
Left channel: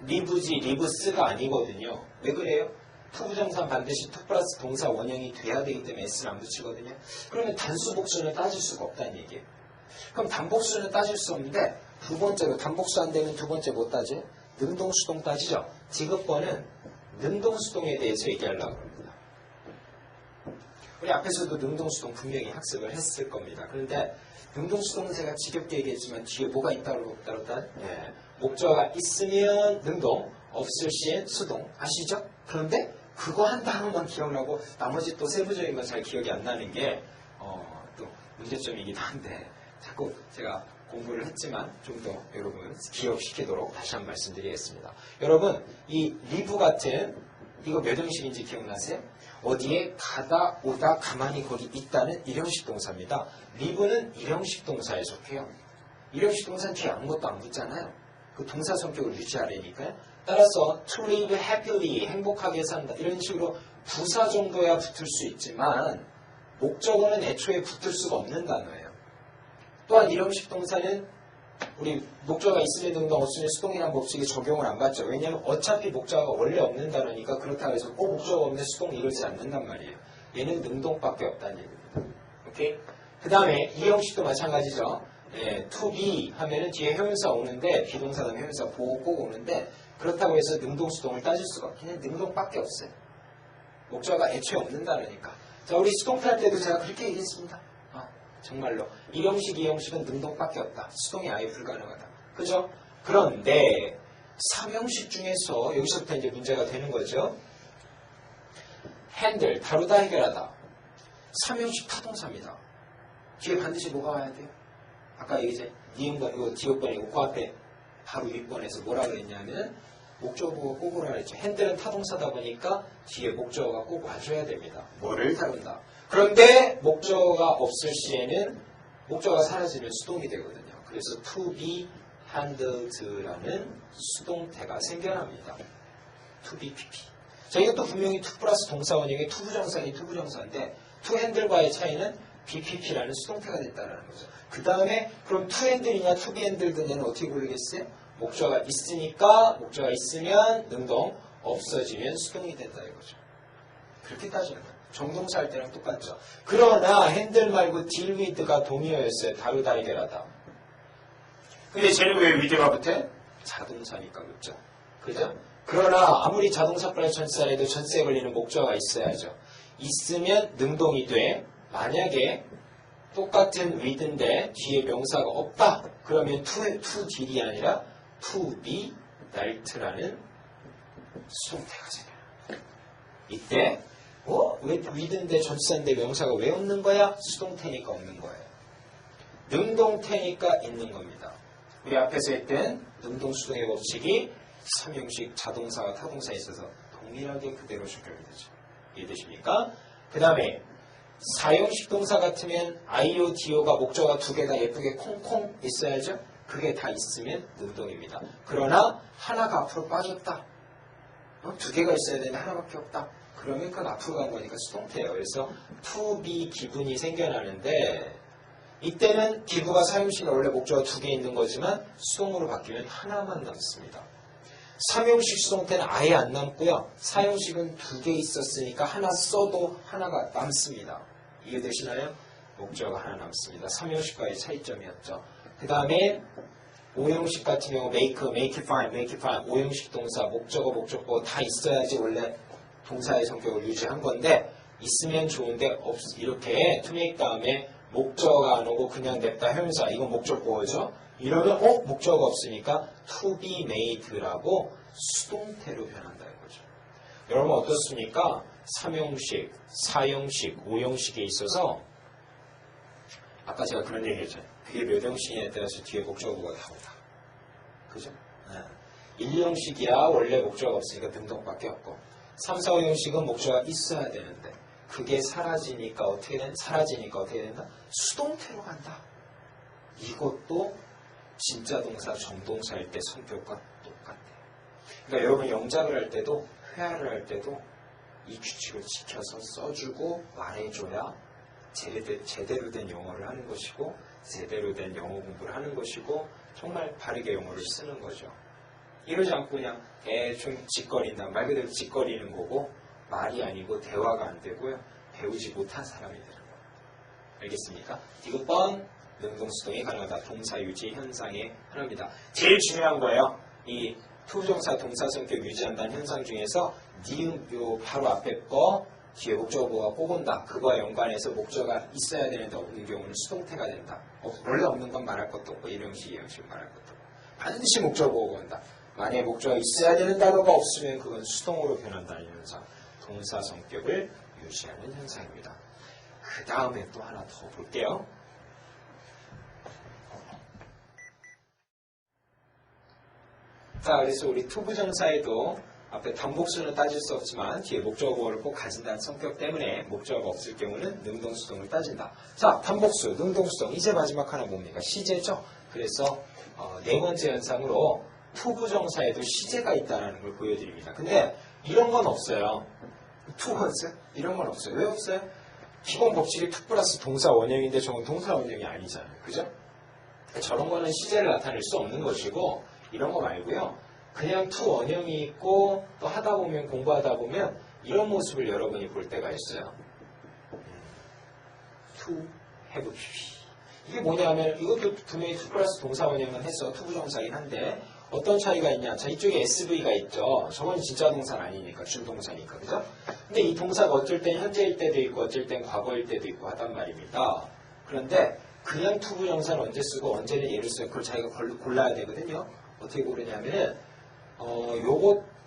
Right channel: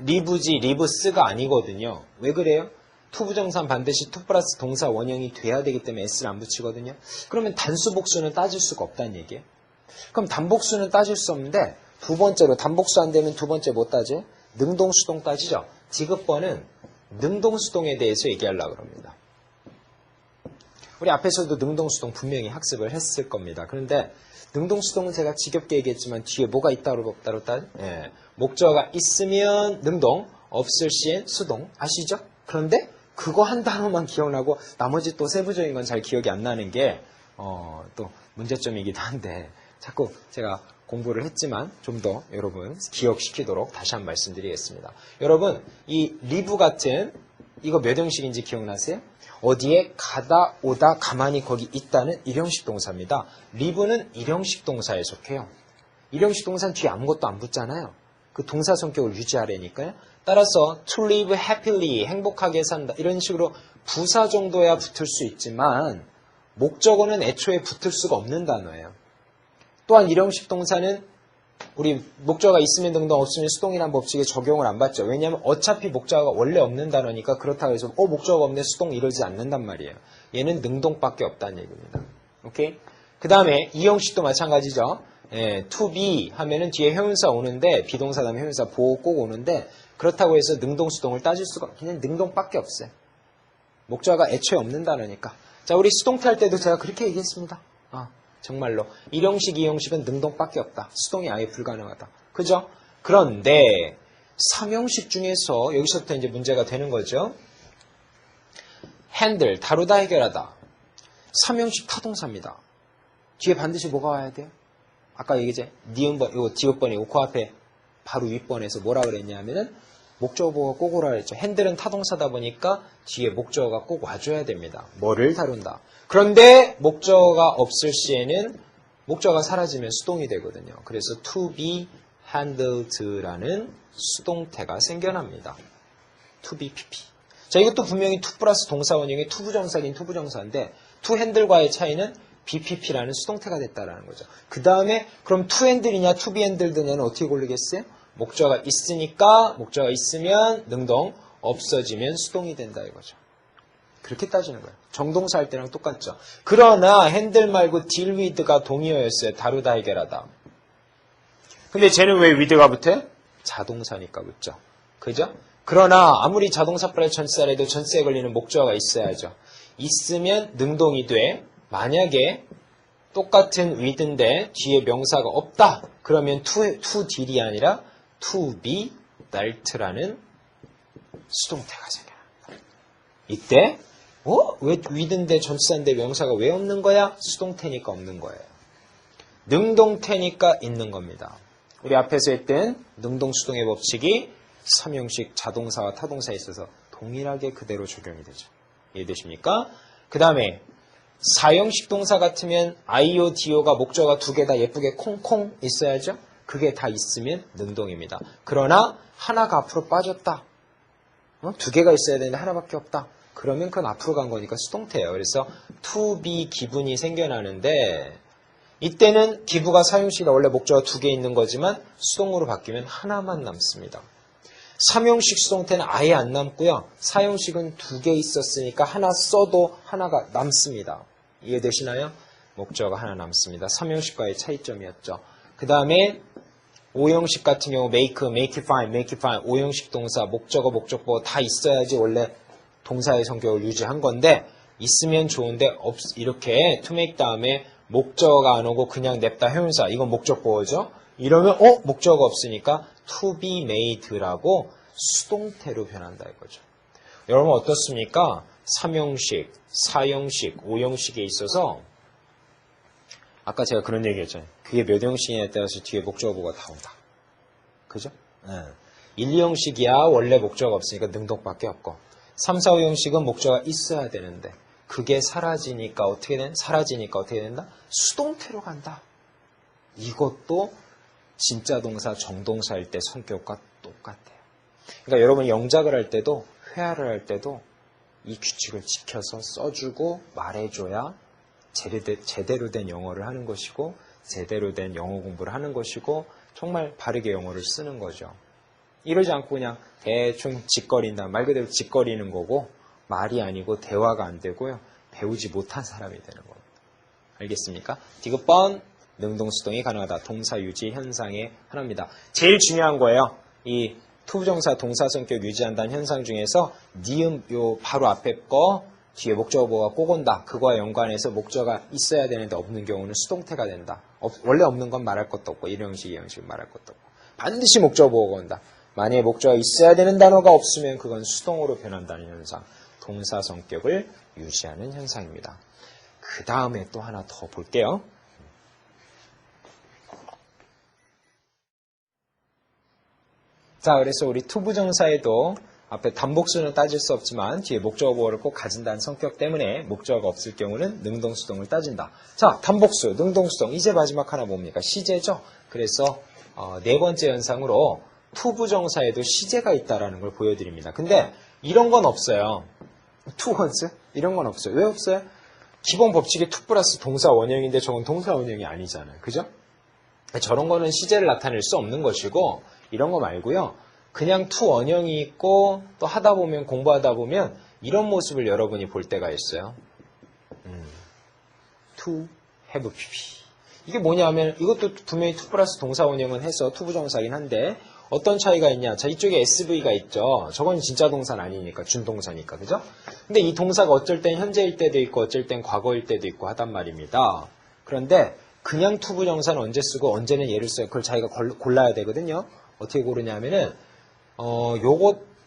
리브지, 리브스가 아니거든요. 왜 그래요? 투부정사는 반드시 투 플러스 동사 원형이 돼야 되기 때문에 s를 안 붙이거든요. 그러면 단수복수는 따질 수가 없다는 얘기예요. 그럼 단복수는 따질 수 없는데 두 번째로 단복수 안 되면 두 번째 못 따지? 능동수동 따지죠. 지급번은 능동수동에 대해서 얘기하려고 합니다. 우리 앞에서도 능동수동 분명히 학습을 했을 겁니다. 그런데 능동수동은 제가 지겹게 얘기했지만 뒤에 뭐가 있다고 없다로 따? 예. 목적어가 있으면 능동, 없을 시엔 수동. 아시죠? 그런데 그거 한 단어만 기억나고 나머지 또 세부적인 건 잘 기억이 안 나는 게 또 문제점이기도 한데 자꾸 제가 공부를 했지만 좀 더 여러분 기억시키도록 다시 한번 말씀드리겠습니다. 여러분 이 리브 같은 이거 몇 형식인지 기억나세요? 어디에 가다 오다 가만히 거기 있다는 일형식 동사입니다. 리브는 일형식 동사에 속해요. 일형식 동사는 뒤에 아무것도 안 붙잖아요. 그 동사 성격을 유지하려니까요. 따라서 to live happily 행복하게 산다 이런 식으로 부사 정도야 붙을 수 있지만 목적어는 애초에 붙을 수가 없는 단어예요. 또한 일형식 동사는 우리 목적어가 있으면 능동 없으면 수동이라는 법칙에 적용을 안 받죠. 왜냐하면 어차피 목적어가 원래 없는 단어니까 그렇다고 해서 목적어가 없네 수동 이러지 않는단 말이에요. 얘는 능동밖에 없다는 얘기입니다. 오케이? 그 다음에 이 형식도 마찬가지죠. to be 하면은 뒤에 형용사 오는데 비동사 다음에 형용사 보호 꼭 오는데 그렇다고 해서 능동 수동을 따질 수가 그냥 능동밖에 없어요. 목적어가 애초에 없는 단어니까. 자, 우리 수동태 할 때도 제가 그렇게 얘기했습니다. 정말로 1형식, 2형식은 능동밖에 없다. 수동이 아예 불가능하다. 그죠? 그런데 3형식 중에서 여기서부터 이제 문제가 되는 거죠. 핸들, 다루다, 해결하다. 3형식 타동사입니다. 뒤에 반드시 뭐가 와야 돼요? 아까 얘기했죠. 니은번, 이거 디귿번이고 그 앞에 바로 윗번에서 뭐라 그랬냐면은 목적어가 꼭 오라 그랬죠. 핸들은 타동사다 보니까 뒤에 목적어가 꼭 와줘야 됩니다. 뭐를 다룬다. 그런데 목적어가 없을 시에는 목적어가 사라지면 수동이 되거든요. 그래서 to be handled라는 수동태가 생겨납니다. to be pp. 자, 이것도 분명히 to 플러스 동사 원형의 투부정사긴 투부정사인데 to handle과의 차이는 bpp라는 수동태가 됐다라는 거죠. 그 다음에 그럼 to handle이냐 to be handled냐는 어떻게 고르겠어요? 목적어가 있으니까 목적어가 있으면 능동, 없어지면 수동이 된다 이거죠. 그렇게 따지는 거예요. 정동사 할 때랑 똑같죠. 그러나 핸들 말고 deal with가 동의어였어요. 다루다 해결하다. 근데 쟤는 왜 with가 붙어? 자동사니까 붙죠. 그죠? 그러나 아무리 자동사 플러스 전치사라도 전치사에 걸리는 목적어가 있어야죠. 있으면 능동이 돼. 만약에 똑같은 with인데 뒤에 명사가 없다. 그러면 to deal이 아니라 to be 날트라는 수동태가 생겨요. 이때 왜 with인데 전치사인데 명사가 왜 없는 거야? 수동태니까 없는 거예요. 능동태니까 있는 겁니다. 우리 앞에서 했던 능동수동의 법칙이 3형식 자동사와 타동사에 있어서 동일하게 그대로 적용이 되죠. 이해되십니까? 그 다음에 4형식 동사 같으면 IO, DO가 목적어가 두 개 다 예쁘게 콩콩 있어야죠. 그게 다 있으면 능동입니다. 그러나 하나가 앞으로 빠졌다. 두 개가 있어야 되는데 하나밖에 없다. 그러면 그건 앞으로 간 거니까 수동태예요. 그래서 to be 기분이 생겨나는데 이때는 기부가 사형식이라 원래 목적어가 두 개 있는 거지만 수동으로 바뀌면 하나만 남습니다. 3형식 수동태는 아예 안 남고요. 4형식은 두 개 있었으니까 하나 써도 하나가 남습니다. 이해되시나요? 목적어가 하나 남습니다. 3형식과의 차이점이었죠. 그 다음에 5형식 같은 경우 make, make it fine, make it fine 5형식 동사 목적어, 목적보 다 있어야지 원래 동사의 성격을 유지한 건데 있으면 좋은데 이렇게 to make 다음에 목적어가 안 오고 그냥 냅다 형용사 이건 목적보어죠. 이러면 목적어가 없으니까 to be made라고 수동태로 변한다 이거죠. 여러분 어떻습니까? 3형식, 4형식, 5형식에 있어서 아까 제가 그런 얘기 했잖아요. 그게 몇 형식이냐에 따라서 뒤에 목적어가 다 온다. 그죠? 1, 2형식이야 원래 목적어가 없으니까 능동밖에 없고 3, 4, 5형식은 목적어가 있어야 되는데 그게 사라지니까 어떻게 된다? 수동태로 간다. 이것도 진짜 동사, 정동사일 때 성격과 똑같아요. 그러니까 여러분 영작을 할 때도 회화를 할 때도 이 규칙을 지켜서 써주고 말해줘야 제대로 된 영어를 하는 것이고 제대로 된 영어 공부를 하는 것이고 정말 바르게 영어를 쓰는 거죠. 이러지 않고 그냥 대충 짓거린다. 말 그대로 짓거리는 거고 말이 아니고 대화가 안 되고요. 배우지 못한 사람이 되는 거예요. 알겠습니까? 디귿번 능동수동이 가능하다. 동사 유지 현상의 하나입니다. 제일 중요한 거예요. 이 투부정사 동사 성격 유지한다는 현상 중에서 니은 요 바로 앞에 거 뒤에 목적어가 꼭 온다. 그거와 연관해서 목적어가 있어야 되는데 없는 경우는 수동태가 된다. 원래 없는 건 말할 것도 없고 이런 형식 이 형식은 말할 것도 없고 반드시 목적어가 온다. 만약에 목적어가 있어야 되는 단어가 없으면 그건 수동으로 변한다는 현상. 동사 성격을 유지하는 현상입니다. 그 다음에 또 하나 더 볼게요. 자, 그래서 우리 투부정사에도 앞에 단복수는 따질 수 없지만 뒤에 목적어를 꼭 가진다는 성격 때문에 목적어가 없을 경우는 능동수동을 따진다. 자, 단복수, 능동수동. 이제 마지막 하나 뭡니까? 시제죠. 그래서 네 번째 현상으로 투부정사에도 시제가 있다는 걸 보여드립니다. 근데 이런 건 없어요. 투원스? 이런 건 없어요. 왜 없어요? 기본 법칙이 투 플러스 동사 원형인데 저건 동사 원형이 아니잖아요. 그죠? 저런 거는 시제를 나타낼 수 없는 것이고 이런 거 말고요. 그냥 투 원형이 있고 또 하다 보면 공부하다 보면 이런 모습을 여러분이 볼 때가 있어요. to have pp. 이게 뭐냐면 이것도 분명히 투 플러스 동사 원형은 해서 투부정사긴 한데 어떤 차이가 있냐. 자, 이쪽에 SV가 있죠. 저건 진짜 동사는 아니니까 준동사니까. 그죠? 근데 이 동사가 어쩔 땐 현재일 때도 있고 어쩔 땐 과거일 때도 있고 하단 말입니다. 그런데 그냥 투부정사는 언제 쓰고 언제는 얘를 써요. 그걸 자기가 골라야 되거든요. 어떻게 고르냐면은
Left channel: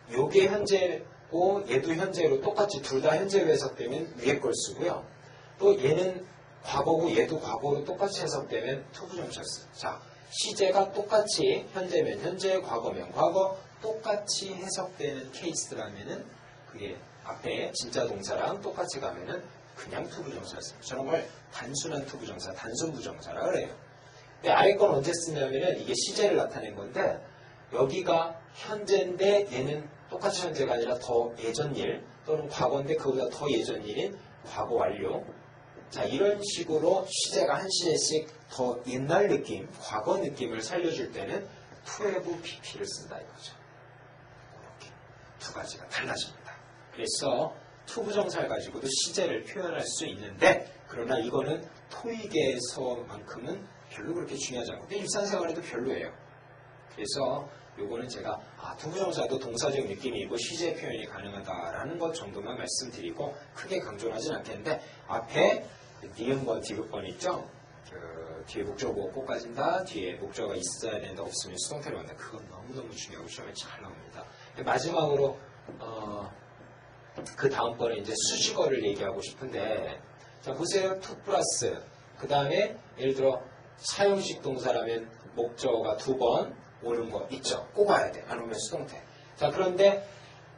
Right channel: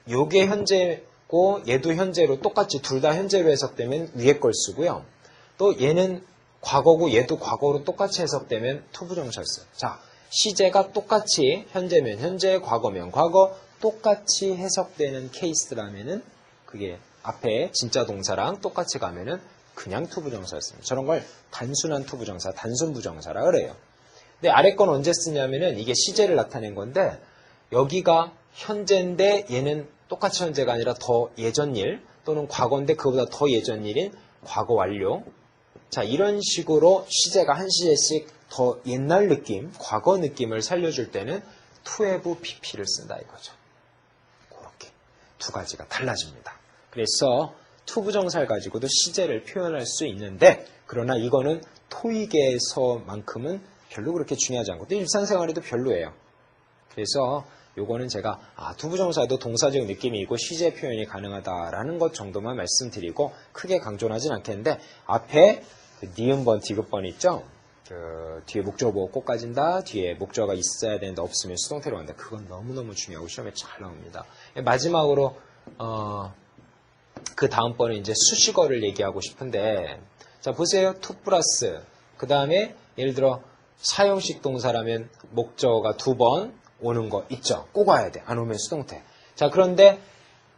요게 현재고 얘도 현재로 똑같이 둘 다 현재로 해석되면 위에 걸 쓰고요. 또 얘는 과거고 얘도 과거로 똑같이 해석되면 투부정사를 써요. 자, 시제가 똑같이 현재면 현재, 과거면 과거 똑같이 해석되는 케이스라면은 그게 앞에 진짜 동사랑 똑같이 가면은 그냥 투부정사였습니다. 저런 걸 단순한 투부정사, 단순부정사라 그래요. 근데 아래 건 언제 쓰냐면은 이게 시제를 나타낸 건데 여기가 현재인데 얘는 똑같이 현재가 아니라 더 예전 일 또는 과거인데 그보다 더 예전 일인 과거 완료. 자, 이런 식으로 시제가 한 시제씩 더 옛날 느낌, 과거 느낌을 살려줄 때는 to have pp를 쓴다 이거죠. 그렇게 두 가지가 달라집니다. 그래서 투부정사를 가지고도 시제를 표현할 수 있는데 그러나 이거는 토익에서만큼은 별로 그렇게 중요하지 않고 또 일상생활에도 별로예요. 그래서 요거는 제가 투부정사도 동사적 느낌이 있고 시제 표현이 가능하다라는 것 정도만 말씀드리고 크게 강조는 하진 않겠는데 앞에 그 니은번, 디귿번 있죠? 그 뒤에 목적어가 꼭 가진다. 뒤에 목적어가 있어야 되는데 없으면 수동태로 간다. 그건 너무너무 중요하고 시험에 잘 나옵니다. 마지막으로 그 다음번에 이제 수식어를 얘기하고 싶은데 자 보세요. 투 플러스 그 다음에 예를 들어 사용식 동사라면 목적어가 2번 오는 거 있죠. 꼭 와야 돼. 안 오면 수동태. 자 그런데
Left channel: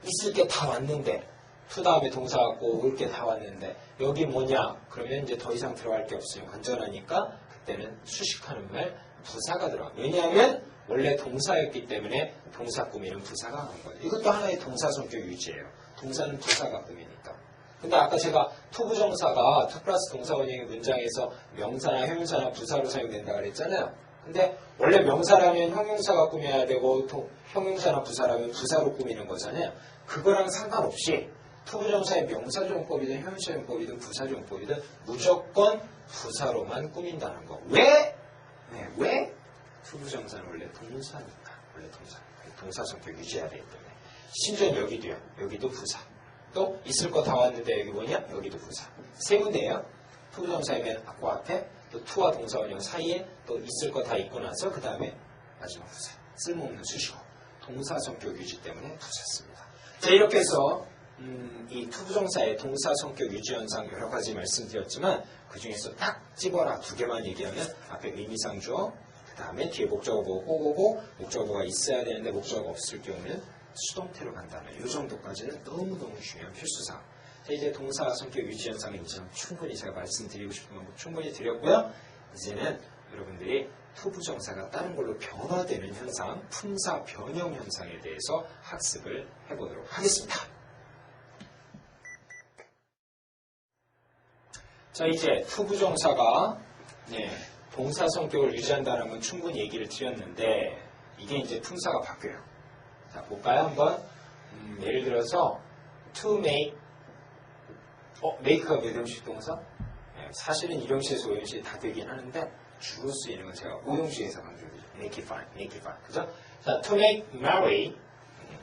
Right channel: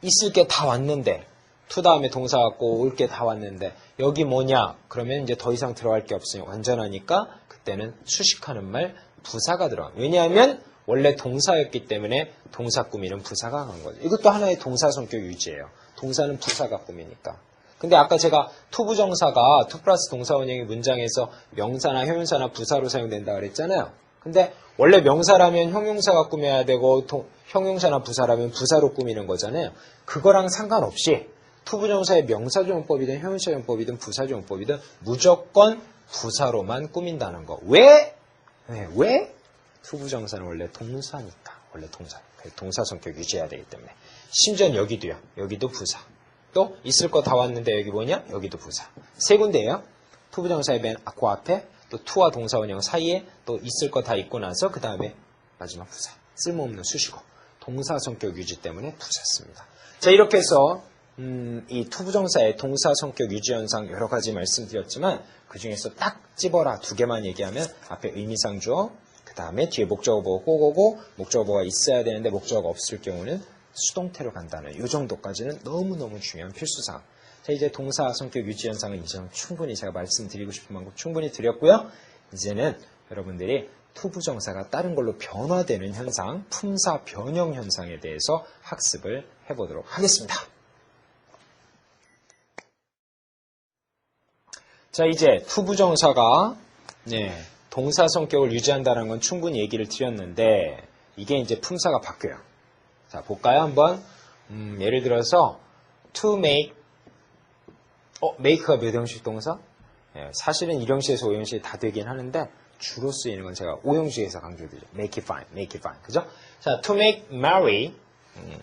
있을 게 다 왔는데 투 다음에 동사 갖고 올 게 다 왔는데 여기 뭐냐? 그러면 이제 더 이상 들어갈 게 없으니까 완전하니까 그때는 수식하는 말 부사가 들어가. 왜냐하면 원래 동사였기 때문에 동사 꾸미는 부사가 간 거죠. 이것도 하나의 동사 성격 유지예요. 동사는 부사가 꾸미니까. 근데 아까 제가 투부정사가 투 플러스 동사 원형의 문장에서 명사나 형용사나 부사로 사용된다 그랬잖아요. 근데 원래 명사라면 형용사가 꾸며야 되고 형용사나 부사라면 부사로 꾸미는 거잖아요. 그거랑 상관없이 투부정사의 명사조용법이든 형용사조용법이든 부사조용법이든 무조건 부사로만 꾸민다는 거. 왜? 왜? 투부정사는 원래 동사니까. 원래 동사. 동사 성격 유지해야 되기 때문에. 심지어 여기도요. 여기도 부사. 또 있을 거 다 왔는데 여기 뭐냐? 여기도 부사. 세 군데예요. 투부정사의 맨 그 앞에 또 투와 동사 원형 사이에 또 있을 거 다 있고 나서 그 다음에 마지막 부사. 쓸모없는 수식어. 동사 성격 유지 때문에 부사 씁니다. 자 이렇게 해서 이 투부정사의 동사 성격 유지 현상 여러 가지 말씀드렸지만 그 중에서 딱 집어라 두 개만 얘기하면 앞에 의미상 주어 그 다음에 뒤에 목적어 보고 꼭 오고 목적어가 있어야 되는데 목적어가 없을 경우는 수동태로 간다는 이 정도까지는 너무너무 중요한 필수사항. 자 이제 동사 성격 유지 현상은 이제 충분히 제가 말씀드리고 싶은 만큼 충분히 드렸고요. 이제는 여러분들이 투부정사가 다른 걸로 변화되는 현상, 품사 변형 현상에 대해서 학습을 해보도록 하겠습니다. 자, 이제 투부정사가 동사 성격을 유지한다는 건 충분히 얘기를 드렸는데 이게 이제 품사가 바뀌어요. 자, 볼까요? 한번 예를 들어서 to make make가 몇 형식 동사? 사실은 1형식에서 5형식이 다 되긴 하는데 주로 쓰이는 건 제가 5형식에서 강조드리죠. make it fine, make it fine. 그죠? 자, to make Mary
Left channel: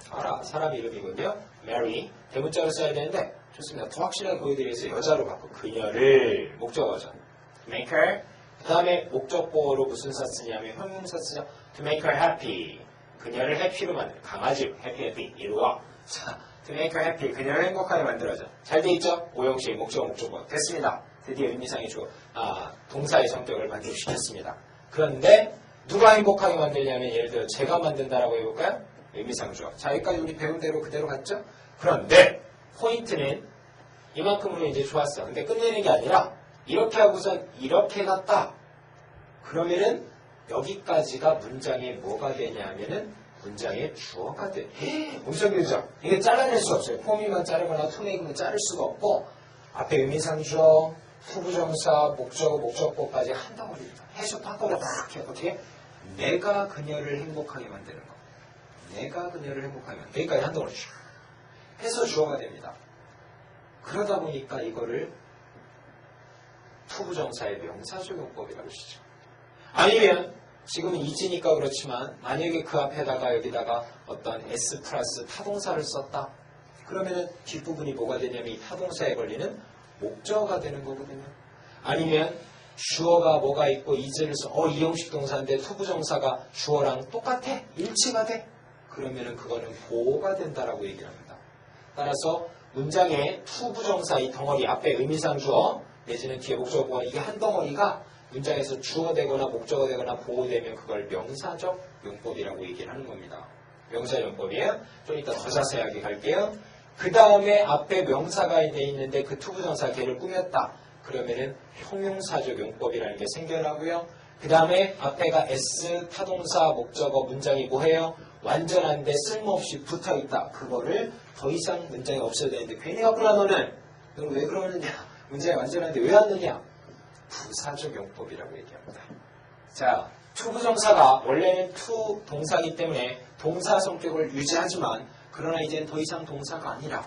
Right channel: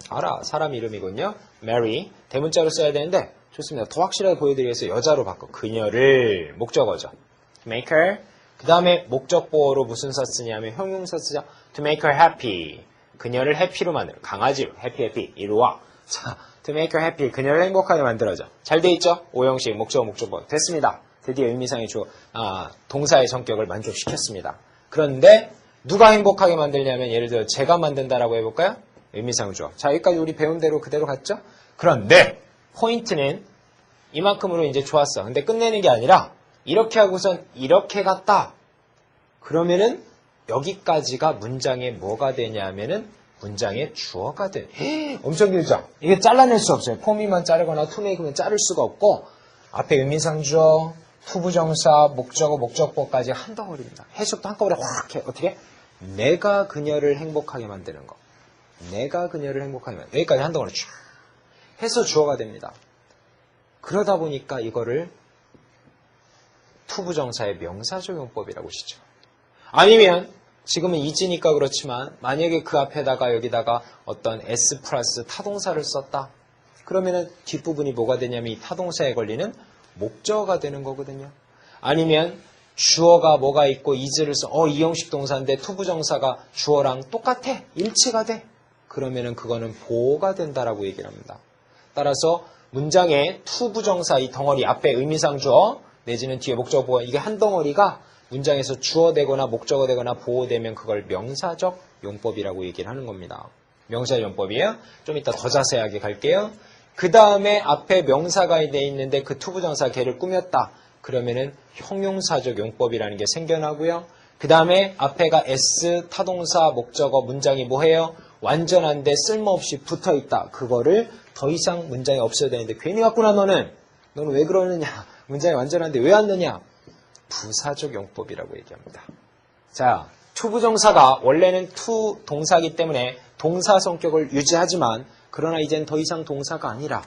알아. 사람 이름이군요. Mary 대문자로 써야 되는데 좋습니다. 더 확실하게 보여드리기 위해서 여자로 바꿔. 그녀를 목적어죠. to make her 그 다음에 목적보어로 무슨 사 쓰냐면 형용사 쓰죠. to make her happy 그녀를 해피로 만들어. 강아지로 happy 이리 와. 자, to make her happy 그녀를 행복하게 만들어줘. 잘 돼 있죠? 5형식 목적어 목적보어 됐습니다. 드디어 의미상의 동사의 성격을 만족시켰습니다. 그런데 누가 행복하게 만들냐면 예를 들어 제가 만든다라고 해볼까요? 의미상 주어. 자, 여기까지 우리 배운 대로 그대로 갔죠? 그런데 포인트는 이만큼으로 이제 좋았어. 근데 끝내는 게 아니라 이렇게 하고선 이렇게 갔다. 그러면은 여기까지가 문장의 뭐가 되냐면은 문장의 주어가 돼. 엄청 길죠? 이게 잘라낼 수 없어요. 포미만 자르거나 투메이크만 자를 수가 없고 앞에 의미상 주어, 투부정사, 목적어, 목적보까지 한 덩어리입니다. 해석도 한꺼번에 확 해. 어떻게? 내가 그녀를 행복하게 만드는 거. 내가 그녀를 행복하게 만드는 거. 여기까지 한 덩어리 쫙 해서 주어가 됩니다. 그러다 보니까 이거를 투부정사의 명사적용법이라고 하시죠. 아니면 지금은 이지니까 그렇지만 만약에 그 앞에다가 여기다가 어떤 S 플러스 타동사를 썼다. 그러면은 뒷부분이 뭐가 되냐면 이 타동사에 걸리는 목적어가 되는 거거든요. 아니면 주어가 뭐가 있고 is를 써. 이형식 동사인데 투부정사가 주어랑 똑같아. 일치가 돼. 그러면은 그거는 보호가 된다라고 얘기를 합니다. 따라서 문장의 투부정사 이 덩어리 앞에 의미상 주어 내지는 뒤에 목적어 보호 이게 한 덩어리가 문장에서 주어 되거나 목적어 되거나 보호되면 그걸 명사적 용법이라고 얘기를 하는 겁니다. 명사적 용법이에요. 좀 이따 더 자세하게 갈게요. 그 다음에 앞에 명사가 되어 있는데 그 투부정사 걔를 꾸몄다. 그러면은 형용사적 용법이라는 게 생겨나고요. 그 다음에 앞에가 S 타동사 목적어 문장이 뭐해요? 완전한데 쓸모없이 붙어있다. 그거를 더 이상 문장이 없어야 되는데 괜히 왔구나 너는 왜 그러느냐. 문장이 완전한데 왜 왔느냐. 부사적 용법이라고 얘기합니다. 자, 투부정사가 원래는 투 동사이기 때문에 동사 성격을 유지하지만 그러나 이젠 더 이상 동사가 아니라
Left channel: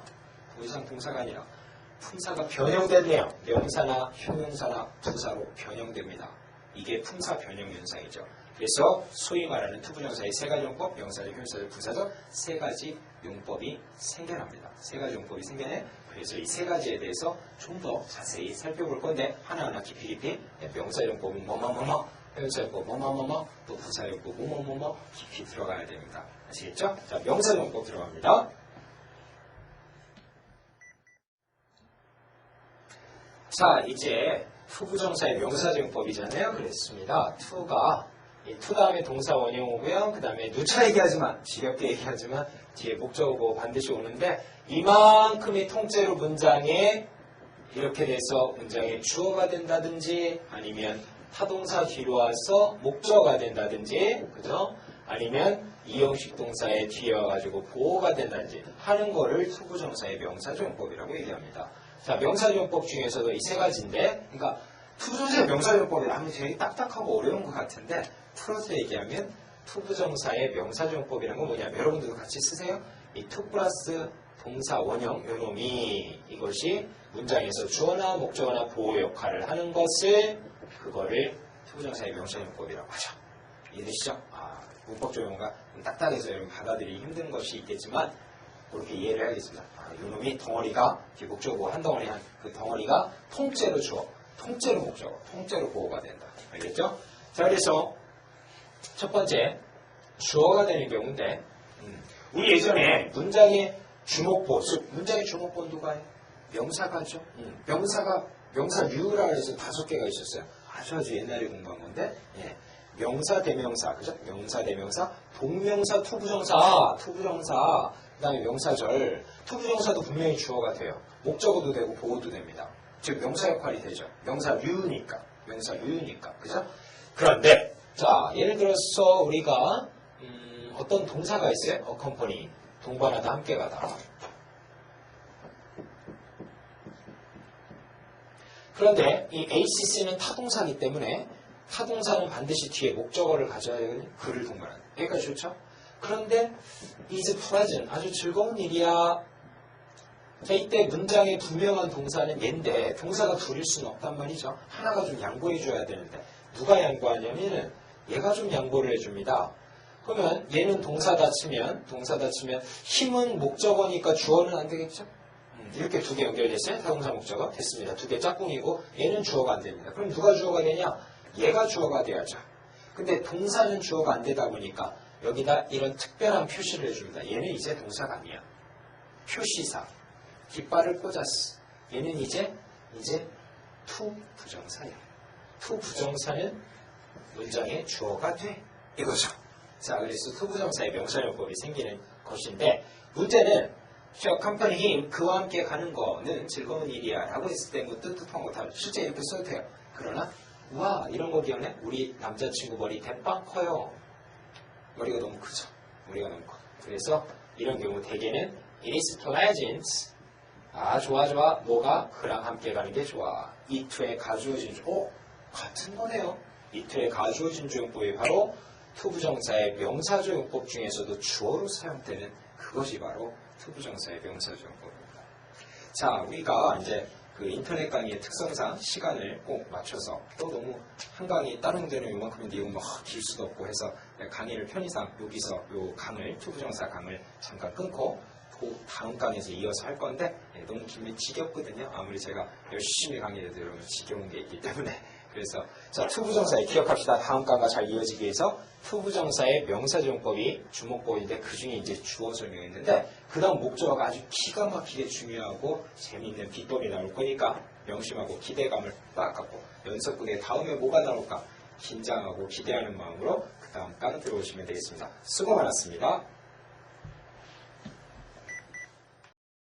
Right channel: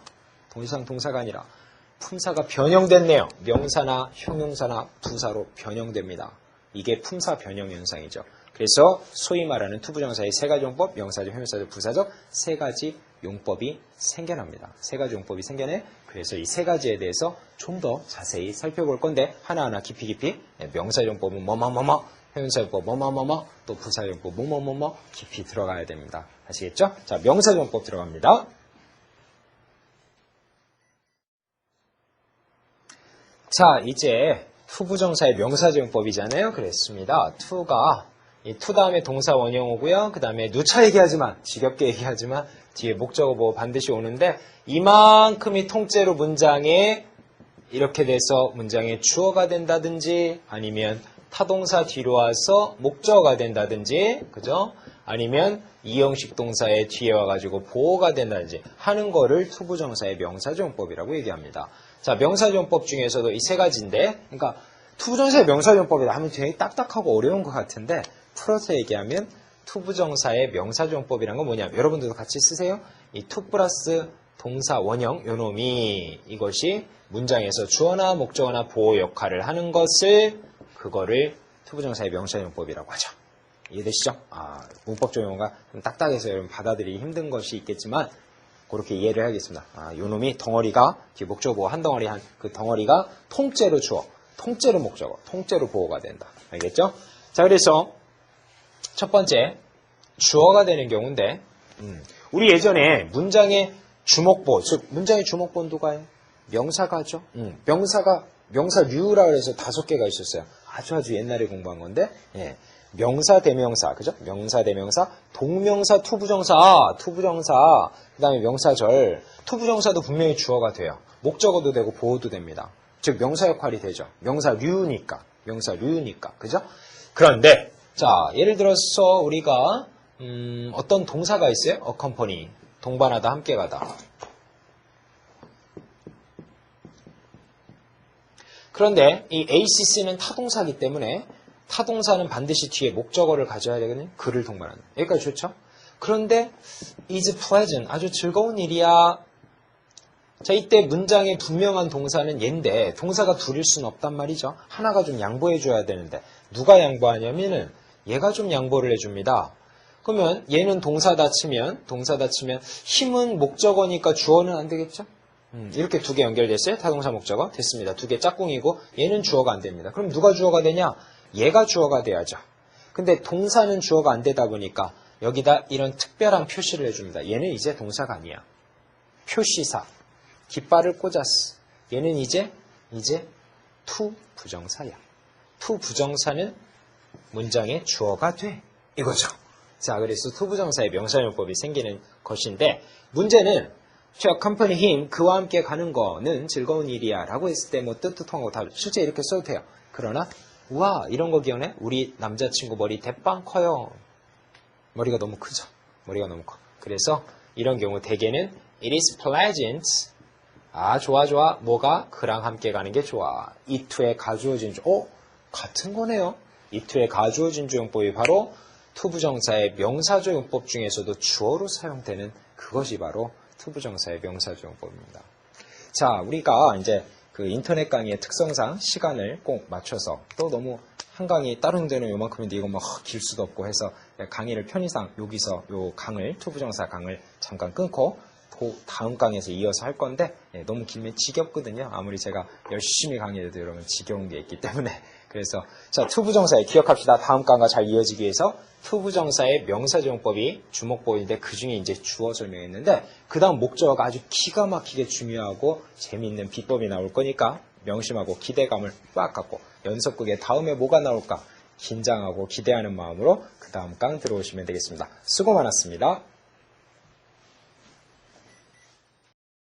품사가 변형됐네요. 명사나 형용사나 부사로 변형됩니다. 이게 품사 변형 현상이죠. 그래서 소위 말하는 투부정사의 세 가지 용법, 명사적, 형용사적, 부사적 세 가지 용법이 생겨납니다. 세 가지 용법이 생겨내. 그래서 이 세 가지에 대해서 좀 더 자세히 살펴볼 건데 하나하나 깊이 명사적 용법은 뭐뭐뭐뭐, 형용사적 용법 뭐뭐뭐뭐, 또 부사적 용법 뭐뭐뭐뭐 깊이 들어가야 됩니다. 아시겠죠? 자, 명사적 용법 들어갑니다. 자, 이제 투부정사의 명사적 용법이잖아요. 그랬습니다. 투가 이 투 다음에 동사 원형 오고요. 그 다음에 누차 얘기하지만 지겹게 얘기하지만 뒤에 목적어 뭐 반드시 오는데 이만큼이 통째로 문장에 이렇게 돼서 문장에 주어가 된다든지 아니면 타동사 뒤로 와서 목적어가 된다든지 그죠? 아니면 이형식 동사의 뒤에 와가지고 보호가 된다든지 하는 거를 투부정사의 명사적용법이라고 얘기합니다. 자, 명사적용법 중에서도 이 세 가지인데 그러니까 투부정사의 명사적용법이라 하면 되게 딱딱하고 어려운 것 같은데 풀어서 얘기하면 투부정사의 명사적용법이란 건 뭐냐면 여러분들도 같이 쓰세요. 이 투 플러스 동사 원형 요놈이 이것이 문장에서 주어나 목적어나 보호 역할을 하는 것을 그거를 투부정사의 명사적용법이라고 하죠. 이해되시죠? 문법적 용어가 좀 딱딱해서 여러분 받아들이기 힘든 것이 있겠지만 그렇게 이해를 하겠습니다. 요놈이 덩어리가 뒤에 목적어 보호 한 덩어리 한 그 덩어리가 통째로 주어, 통째로 목적어, 통째로 보호가 된다. 알겠죠? 자, 그래서 첫 번째 주어가 되는 경우인데 우리 예전에 문장의 주목보, 즉 문장의 주목보는 누가요? 명사가죠. 명사류라고 해서 5개가 있었어요. 아주 옛날에 공부한 건데 명사, 대명사, 그죠? 명사, 대명사, 동명사, 투부정사, 그 다음에 명사절, 투부정사도 분명히 주어가 돼요. 목적어도 되고 보호도 됩니다. 즉 명사 역할이 되죠. 명사류니까, 그죠? 그런데 자, 예를 들어서 우리가 어떤 동사가 있어요? accompany, 동반하다, 함께 가다. 그런데 이 ACC는 타동사이기 때문에 타동사는 반드시 뒤에 목적어를 가져야 되거든요. 그를 동반하는. 여기까지 좋죠? 그런데 is pleasant, 아주 즐거운 일이야. 자, 이때 문장의 분명한 동사는 얘인데 동사가 둘일 수는 없단 말이죠. 하나가 좀 양보해 줘야 되는데 누가 양보하냐면은 얘가 좀 양보를 해줍니다. 그러면 얘는 동사다 치면 힘은 목적어니까 주어는 안 되겠죠? 이렇게 두 개 연결됐어요. 타동사 목적어 됐습니다. 두 개 짝꿍이고 얘는 주어가 안 됩니다. 그럼 누가 주어가 되냐? 얘가 주어가 돼야죠. 근데 동사는 주어가 안 되다 보니까 여기다 이런 특별한 표시를 해줍니다. 얘는 이제 동사가 아니야. 표시사. 깃발을 꽂았어. 얘는 이제 to 부정사야. to 부정사는 문장의 주어가 돼. 이거죠. 자, 그래서 to 부정사의 명사용법이 생기는 것인데 문제는 to accompany him, 그와 함께 가는 거는 즐거운 일이야 라고 했을 때 뭐 뜻한 거 다 실제 이렇게 써도 돼요. 그러나 우와 이런 거 기억나요? 우리 남자친구 머리 대빵 커요. 머리가 너무 크죠. 머리가 너무 커. 그래서 이런 경우 대개는 it is pleasant. 아 좋아 뭐가? 그랑 함께 가는 게 좋아. 이 to의 가주어진 주 같은 거네요. 이 to의 가주어진 주용법이 바로 to 부정사의 명사조용법 중에서도 주어로 사용되는 그것이 바로 to 부정사의 명사조용법입니다. 자, 우리가 이제 그 인터넷 강의의 특성상 시간을 꼭 맞춰서 또 너무 한 강의 다른 데는 요만큼인데 이건 뭐 길 수도 없고 해서 강의를 편의상 여기서 요 강을 to 부정사 강을 잠깐 끊고 다음 강에서 이어서 할 건데 너무 길면 지겹거든요. 아무리 제가 열심히 강의해도 여러분 지겨운 게 있기 때문에 그래서 자 to 부정사에 기억합시다. 다음 강과 잘 이어지기 위해서 to 부정사의 명사조용법이 주목법인데 그 중에 이제 주어 설명했는데 그 다음 목적어가 아주 기가 막히게 중요하고 재미있는 비법이 나올 거니까 명심하고 기대감을 빡 갖고 연속극의 다음에 뭐가 나올까 긴장하고 기대하는 마음으로 그 다음 강 들어오시면 되겠습니다. 수고 많았습니다.